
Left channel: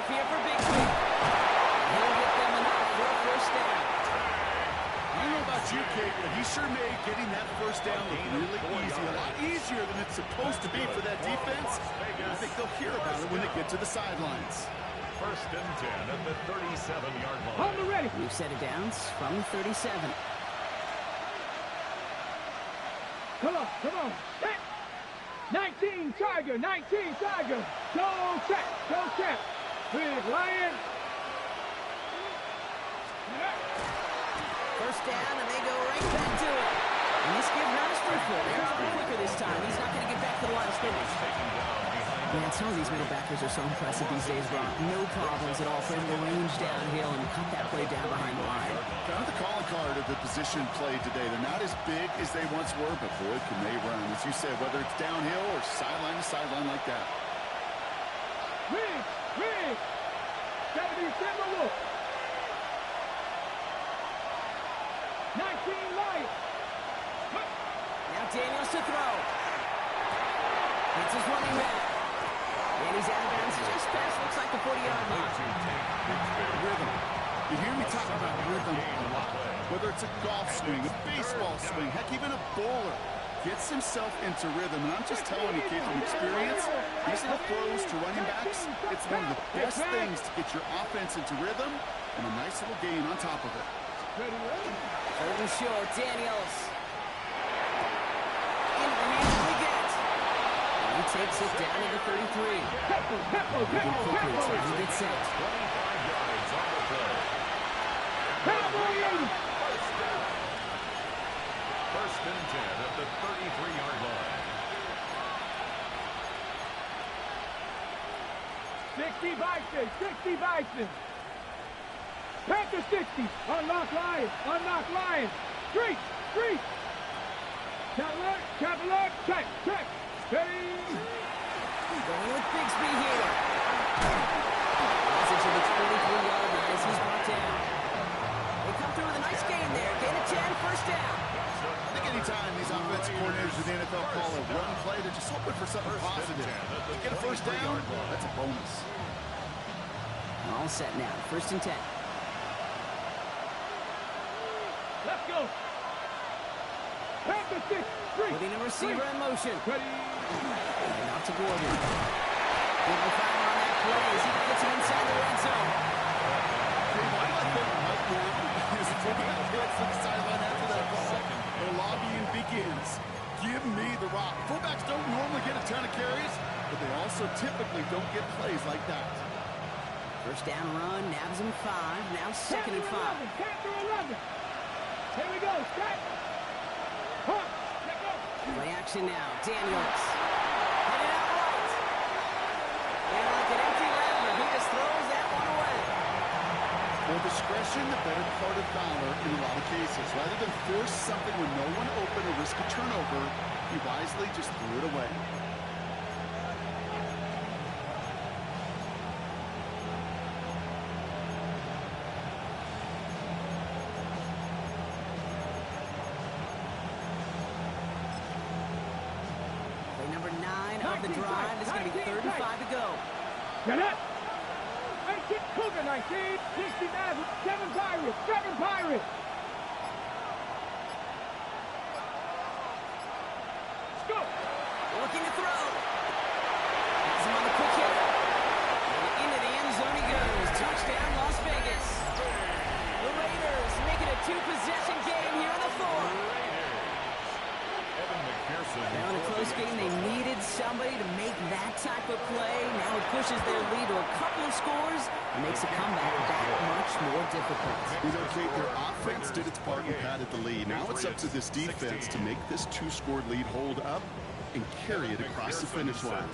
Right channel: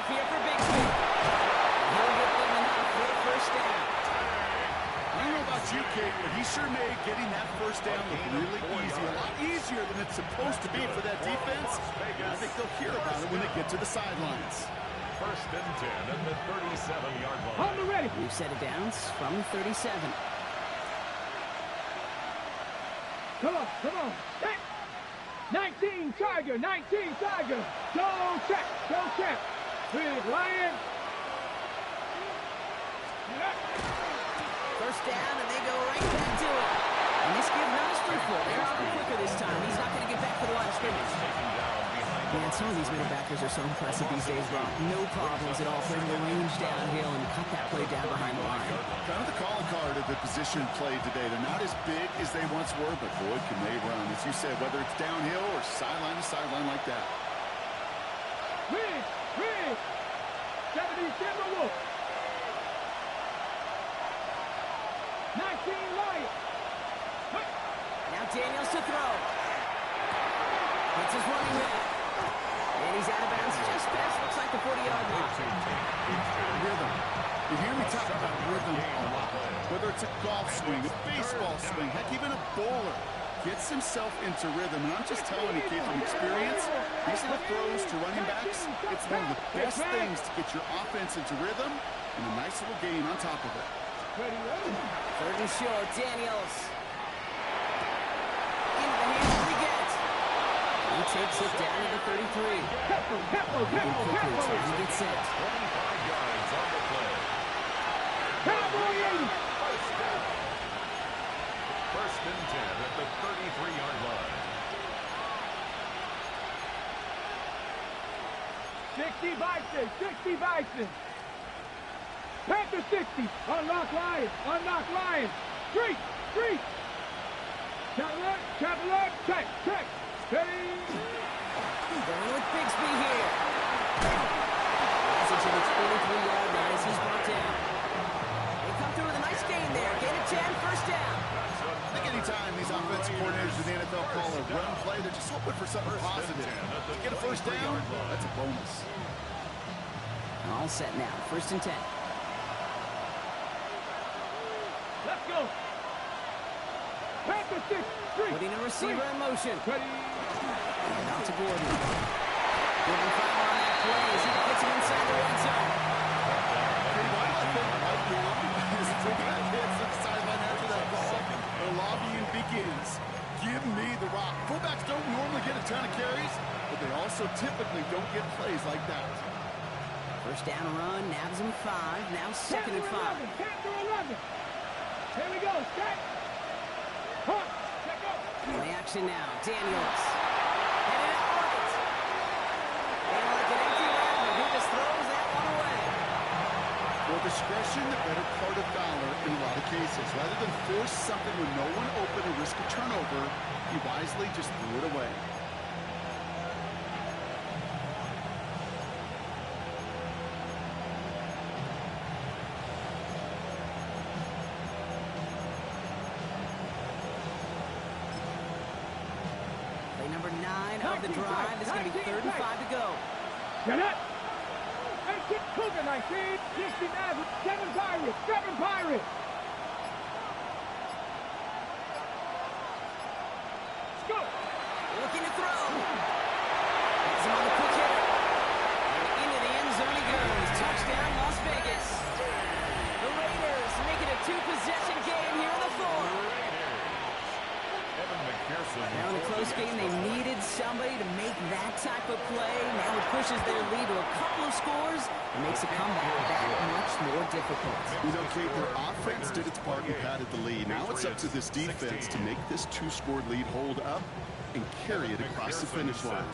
Here for Big Quick. He'll get them enough for a 1st down. I don't know about you, Kate, but he sure made getting that 1st down look really easy. A lot easier easier than it's supposed to be for that defense. I think they'll hear about it when they get to the sidelines. First and 10 at the 37-yard line. Hold the ready. We've set it down from the 37. Come on. Set. 19 Tiger. Go check. Big Lion. First down, and they go right back to it. And this give not as fruitful. They're a little quicker this time. He's not going to get back to the line of scrimmage. Man, some of these middle backers are so impressive these days, Brock. No problems at all for him to range downhill and cut that play down behind the line. Kind of the calling card of the position played today. They're not as big as they once were, but boy, can they run. As you said, whether it's downhill or sideline to sideline like that. Rig. 77 Wolf. 19 Lion. Now Daniels to throw. It's his running back. And he's out of bounds just past, looks like the 40-yard line. Rhythm. You hear me talk about rhythm a lot. Whether it's a golf swing, a baseball swing, heck, even a bowler gets himself into rhythm. And I'm just telling you, kid, from experience, these little throws to running backs, it's one of the best things to get your offense into rhythm and a nice little gain on top of it. Third and short, Daniels. Into the hands of the get. And he takes it down to the 33. Moving quickly, time to get set. 25 yards on the play. First and 10 at the 33-yard line. 60 Bison. Panther 60. Unlock Lion. Street. Traveler, check. Steady. Going with Bigsby here. Message of its 43-yard line as he's brought down. They come through with a nice gain there. Gain of 10, first down. I think anytime these offensive coordinators in the NFL call a run play, they're just hoping for something positive. To get a first down, that's a bonus. All set now. First and 10. Let's go. Panther 6. Putting a receiver in motion. Ready. And off to Gordon. Gordon firing on that play as he gets him inside the red zone. Hey, why do I think right now is fullback hits the sideline after that ball? The lobbying begins. Give me the rock. Fullbacks don't normally get a ton of carries, but they also typically don't get plays like that. First down run, nabs him 5. Now second and 5. Panther 11. Here we go. Set. Hunt. Let go. Play action now. Daniels. Headed out right. And like an empty wrapper, he just throws that one away. More discretion, the better part of valor in a lot of cases. Rather than force something when no one open or risk a turnover, he wisely just threw it away. Play number 9 of the drive. It's going to be 3rd and 5 to go. Get it. 18 Cougar 19. 60 Maverick. 7 Pirates. Let's go. Looking to throw. Has him on the quick hitter. And into the end zone he goes. Touchdown, Las Vegas. The Raiders make it a 2-possession game here in the 4th. Now in a close game, they needed somebody to make that type of play. Now it pushes their lead to a couple of scores and makes a comeback that much more difficult. You know, Kate, their offense did its part and padded the lead. Now it's up to this defense to make this 2-score lead hold up and carry it across the finish line.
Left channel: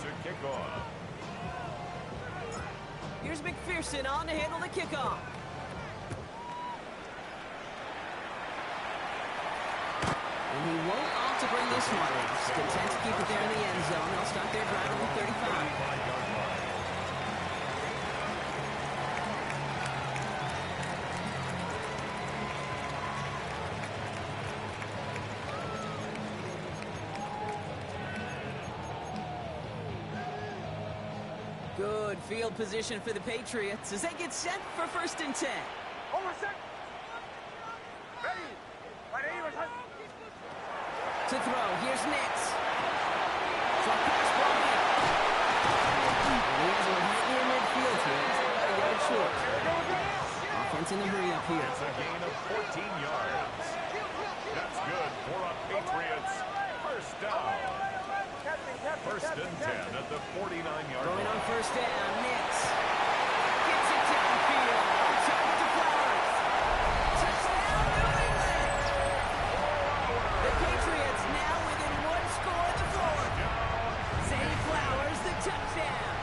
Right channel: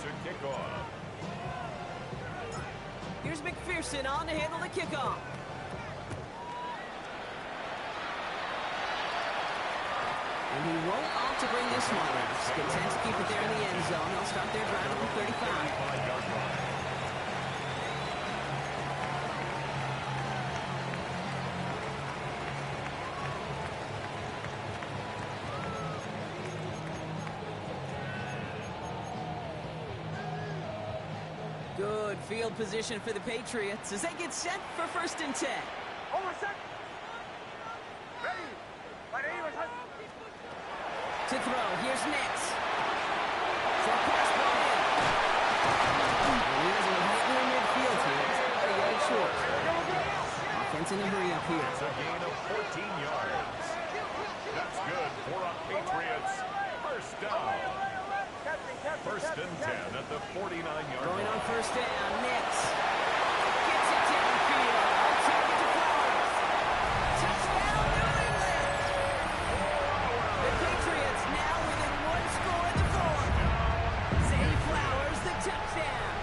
Here's McPherson on to handle the kickoff. And he won't opt to bring this one in. He's content to keep it there in the end zone. They'll start their drive at the 35. Good field position for the Patriots as they get set for 1st and 10. Over set. Ready. To throw, here's Nix. Short pass brought in. And he has one right near midfield here. He's about a yard short. Offense in the hurry up here. It's a gain of 14 yards. That's good for a Patriots first down. First and 10 at the 49-yard Going line. on first down, Nix. Gets it downfield. On target to Flowers. Touchdown, New England! The Patriots now within one score in the fourth. Zay Flowers, the touchdown.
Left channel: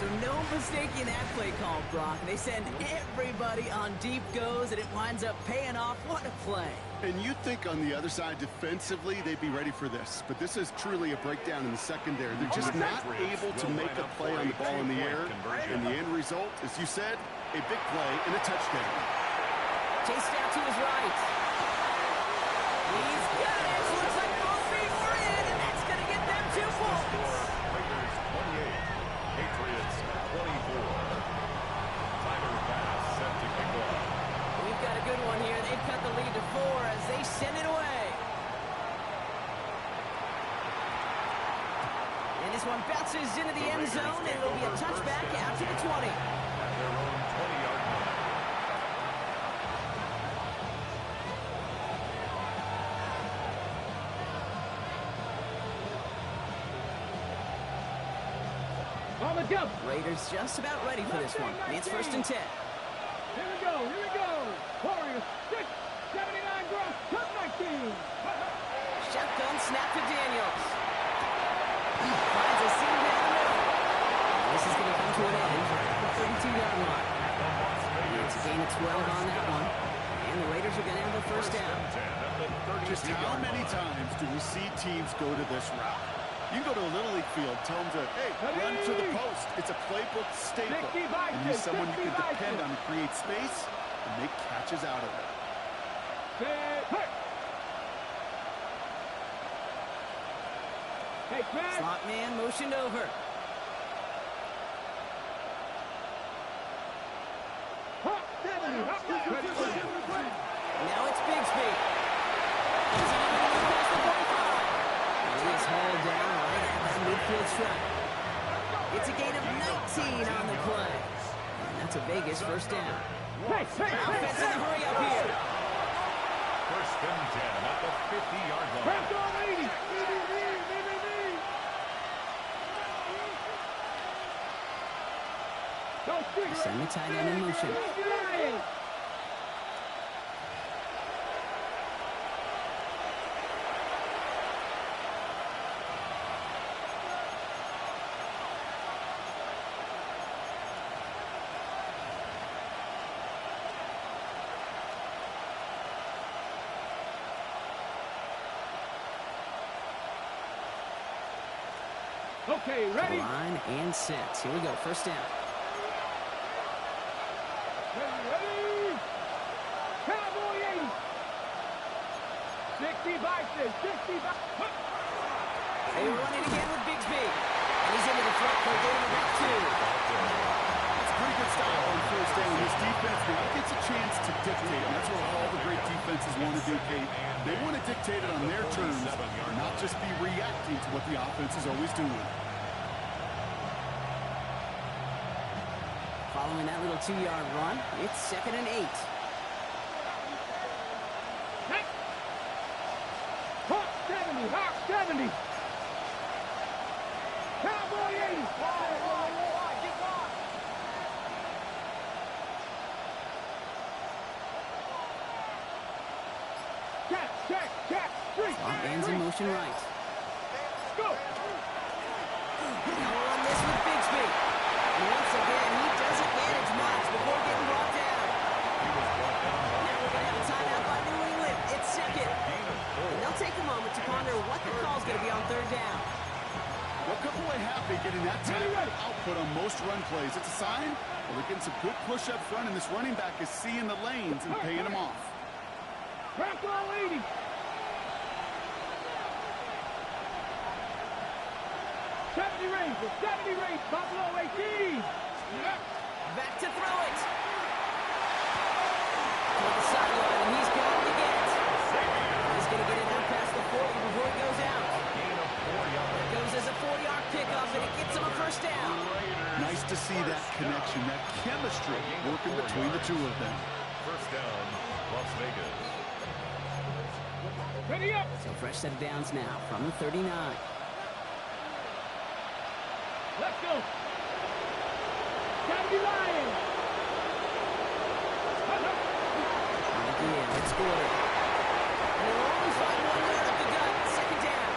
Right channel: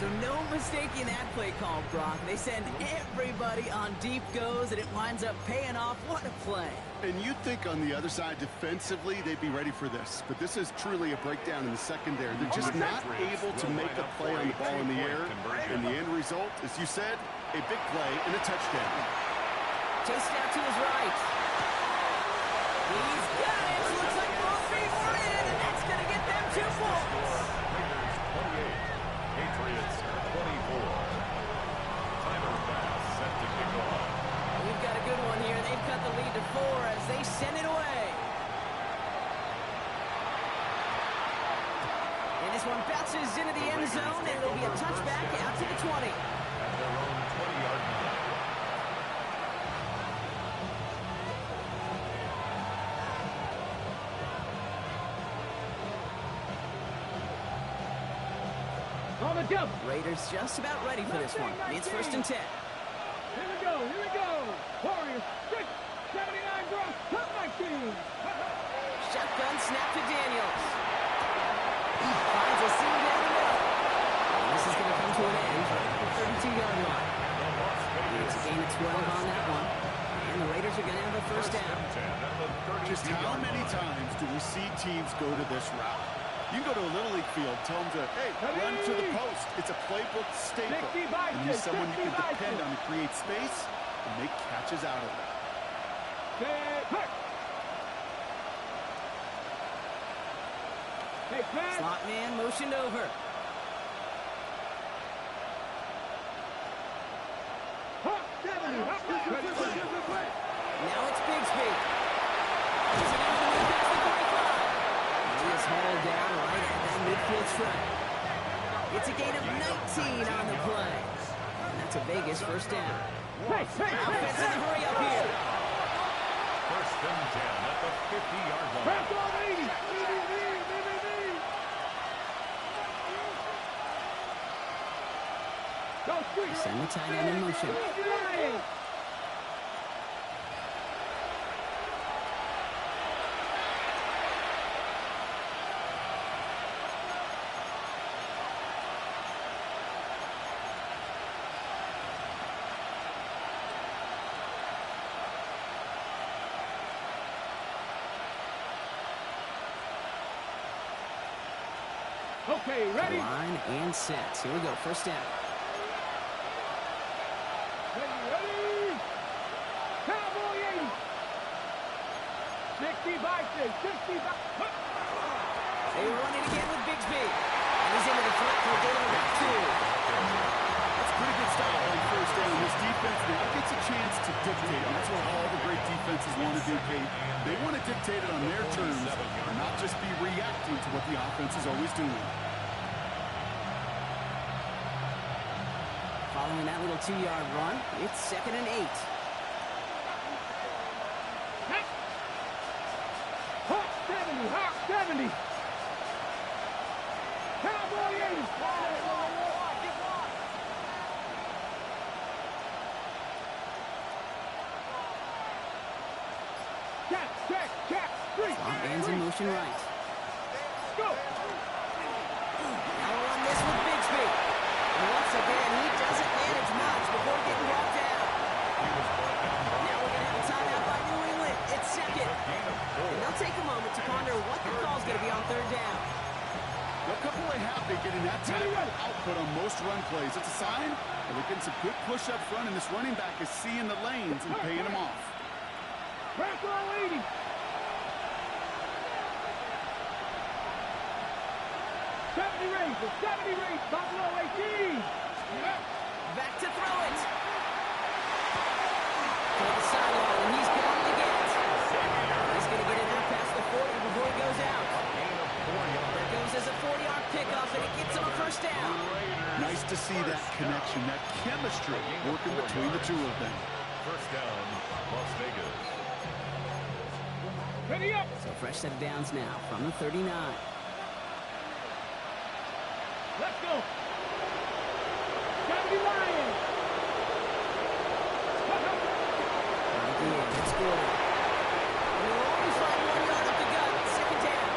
So no mistaking that play call, Brock. They send everybody on deep goes, and it winds up paying off. What a play. And you'd think on the other side defensively they'd be ready for this. But this is truly a breakdown in the secondary. They're just not able to make a play on the ball in the air. And the end result, as you said, a big play and a touchdown. Chased out to his right. He's got it. Looks like both feet were in, and that's going to get them 2 points. Raiders 28, Patriots 24. Timer pass set to kick off. We've got a good one here. They've cut the lead to 4 as they send it away. And this one bounces into the end zone, and it'll be a touchback out to the 20. At their own 20-yard line. On the jump. Raiders just about ready for this one. It's first and 10. Here we go. Here we go. Warriors 6, 79 gross. Cut 19. Shotgun snap to Daniels. Finds a seam down the middle. And this is going to come to an end right at the 32-yard line. It's a gain of 12 on that one. And the Raiders are going to have the first down. Just how many times do we see teams go to this route? You can go to a Little League field, tell them to, hey, run to the post. It's a playbook staple. And he's someone you can depend on to create space and make catches out of it. Slot man motioned over. Now it's Bigsby. Continuing to move past the 45. He is hauled down right at that midfield stripe. It's a gain of 19 on the play. And that's a Vegas first down. Offense in the hurry up here. First and 10 at the 50-yard line. Send the tight end in motion. Okay, ready? Line and set. Here we go. First down. Ready? Cowboy 80. 60 by 6. 60 by... They run it again with Bigsby. And he's into the front for a gain of about 2. That's pretty good style on first down. This defense now gets a chance to dictate, and that's what all the great defenses want to do, Kate. They want to dictate it on their terms and not just be reacting to what the offense is always doing. Following that little 2-yard run, it's second and 8. Hawk 70. Hawk 70. Cowboy 80. Check. Slot man's in motion right. Go. Now we'll run this with Bigsby. And once again, he doesn't manage much before getting brought down. Now we're going to have a timeout by New England. It's second. And they'll take a moment to ponder what the call's going to be on third down. They'll come away happy getting that type of output on most run plays. It's a sign that they're getting some good push up front, and this running back is seeing the lanes and paying them off. Bronco 80. Seventy range, Buffalo 18. Back to throw it. On the sideline, and he's got it again. He's going to get it out past the 40 before he goes out. first down. Nice to see that connection, that chemistry working between the two of them. First down, Las Vegas. Ready up. So fresh set of downs now from the 39. Let's go. Gotta be lying. Again, it's scored. And they'll only find 1 yard up the gut. Second down.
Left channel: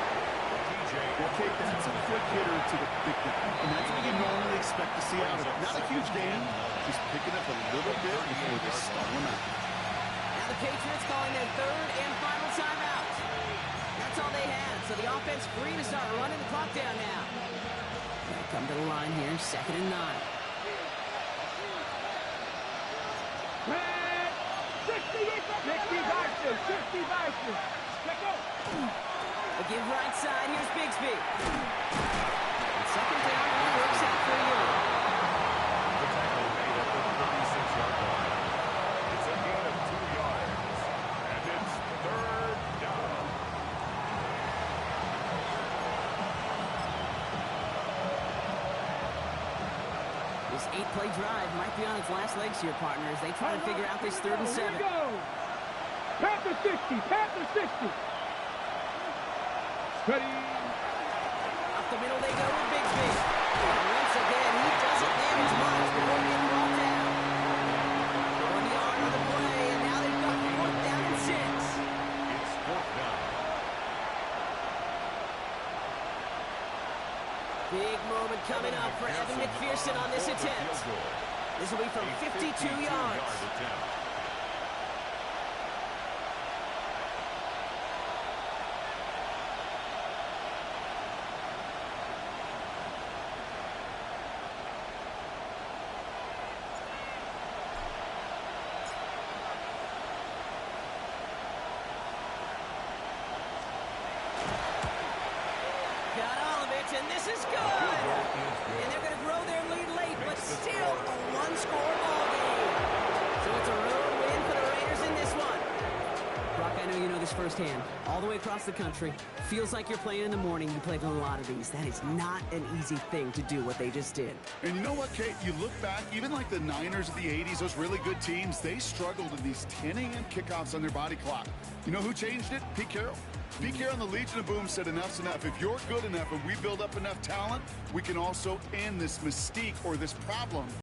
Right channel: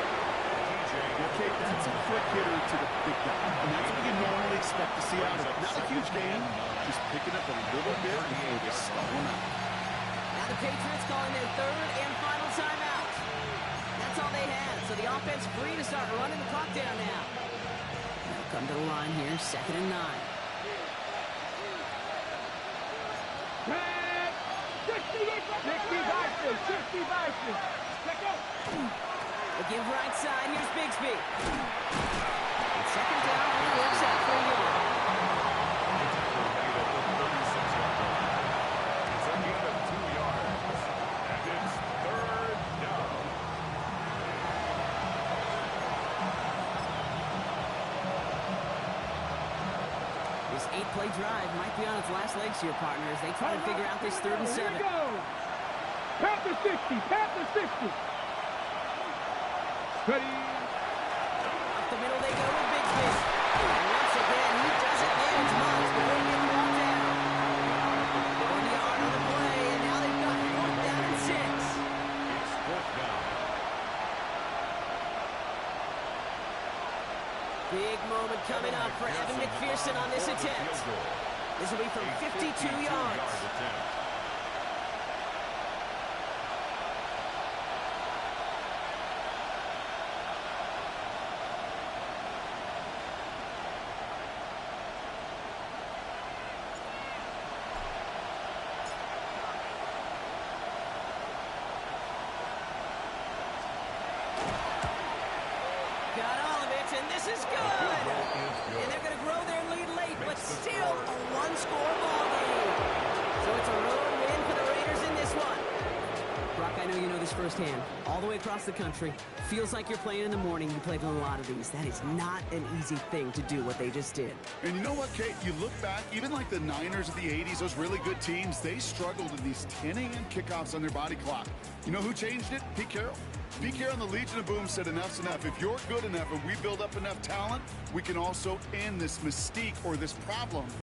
Okay, that's a quick hitter to the big guy. And that's what you normally expect to see out of it. Not a huge gain, just picking up a little bit before they stall him out. Now the Patriots calling their third and final timeout. That's all they had, so the offense free to start running the clock down now. They'll come to the line here, 2nd and 9. 60 boxes. Let's go. We'll give right side. Here's Bigsby. And second down only works out for a yard. The tackle made at the 36-yard line. It's a gain of 2 yards. And it's third down. This 8-play drive might be on its last legs here, partners. They try to figure out this 3rd and 7. Here we go. Panther 60. Panther 60. Ready. Up the middle they go with Bigsby. And once again, he doesn't manage much before getting brought down. 1 yard on the play, and now they've got 4th down and 6. It's 4th down. Big moment coming up for Evan McPherson on this attempt. This will be from 52 yards. Got all of it, and this is good. And they're going to grow their lead late, but still a one-score ball game. So it's a road win for the Raiders in this one. Brock, I know you know this firsthand. All the way across the country. Feels like you're playing in the morning. You played in a lot of these. That is not an easy thing to do, what they just did. And you know what, Kate? You look back, even like the Niners of the 80s, those really good teams, they struggled in these 10 a.m. kickoffs on their body clock. You know who changed it? Pete Carroll. Pete Carroll and the Legion of Boom said enough's enough. If you're good enough and we build up enough talent, we can also end this mystique or this problem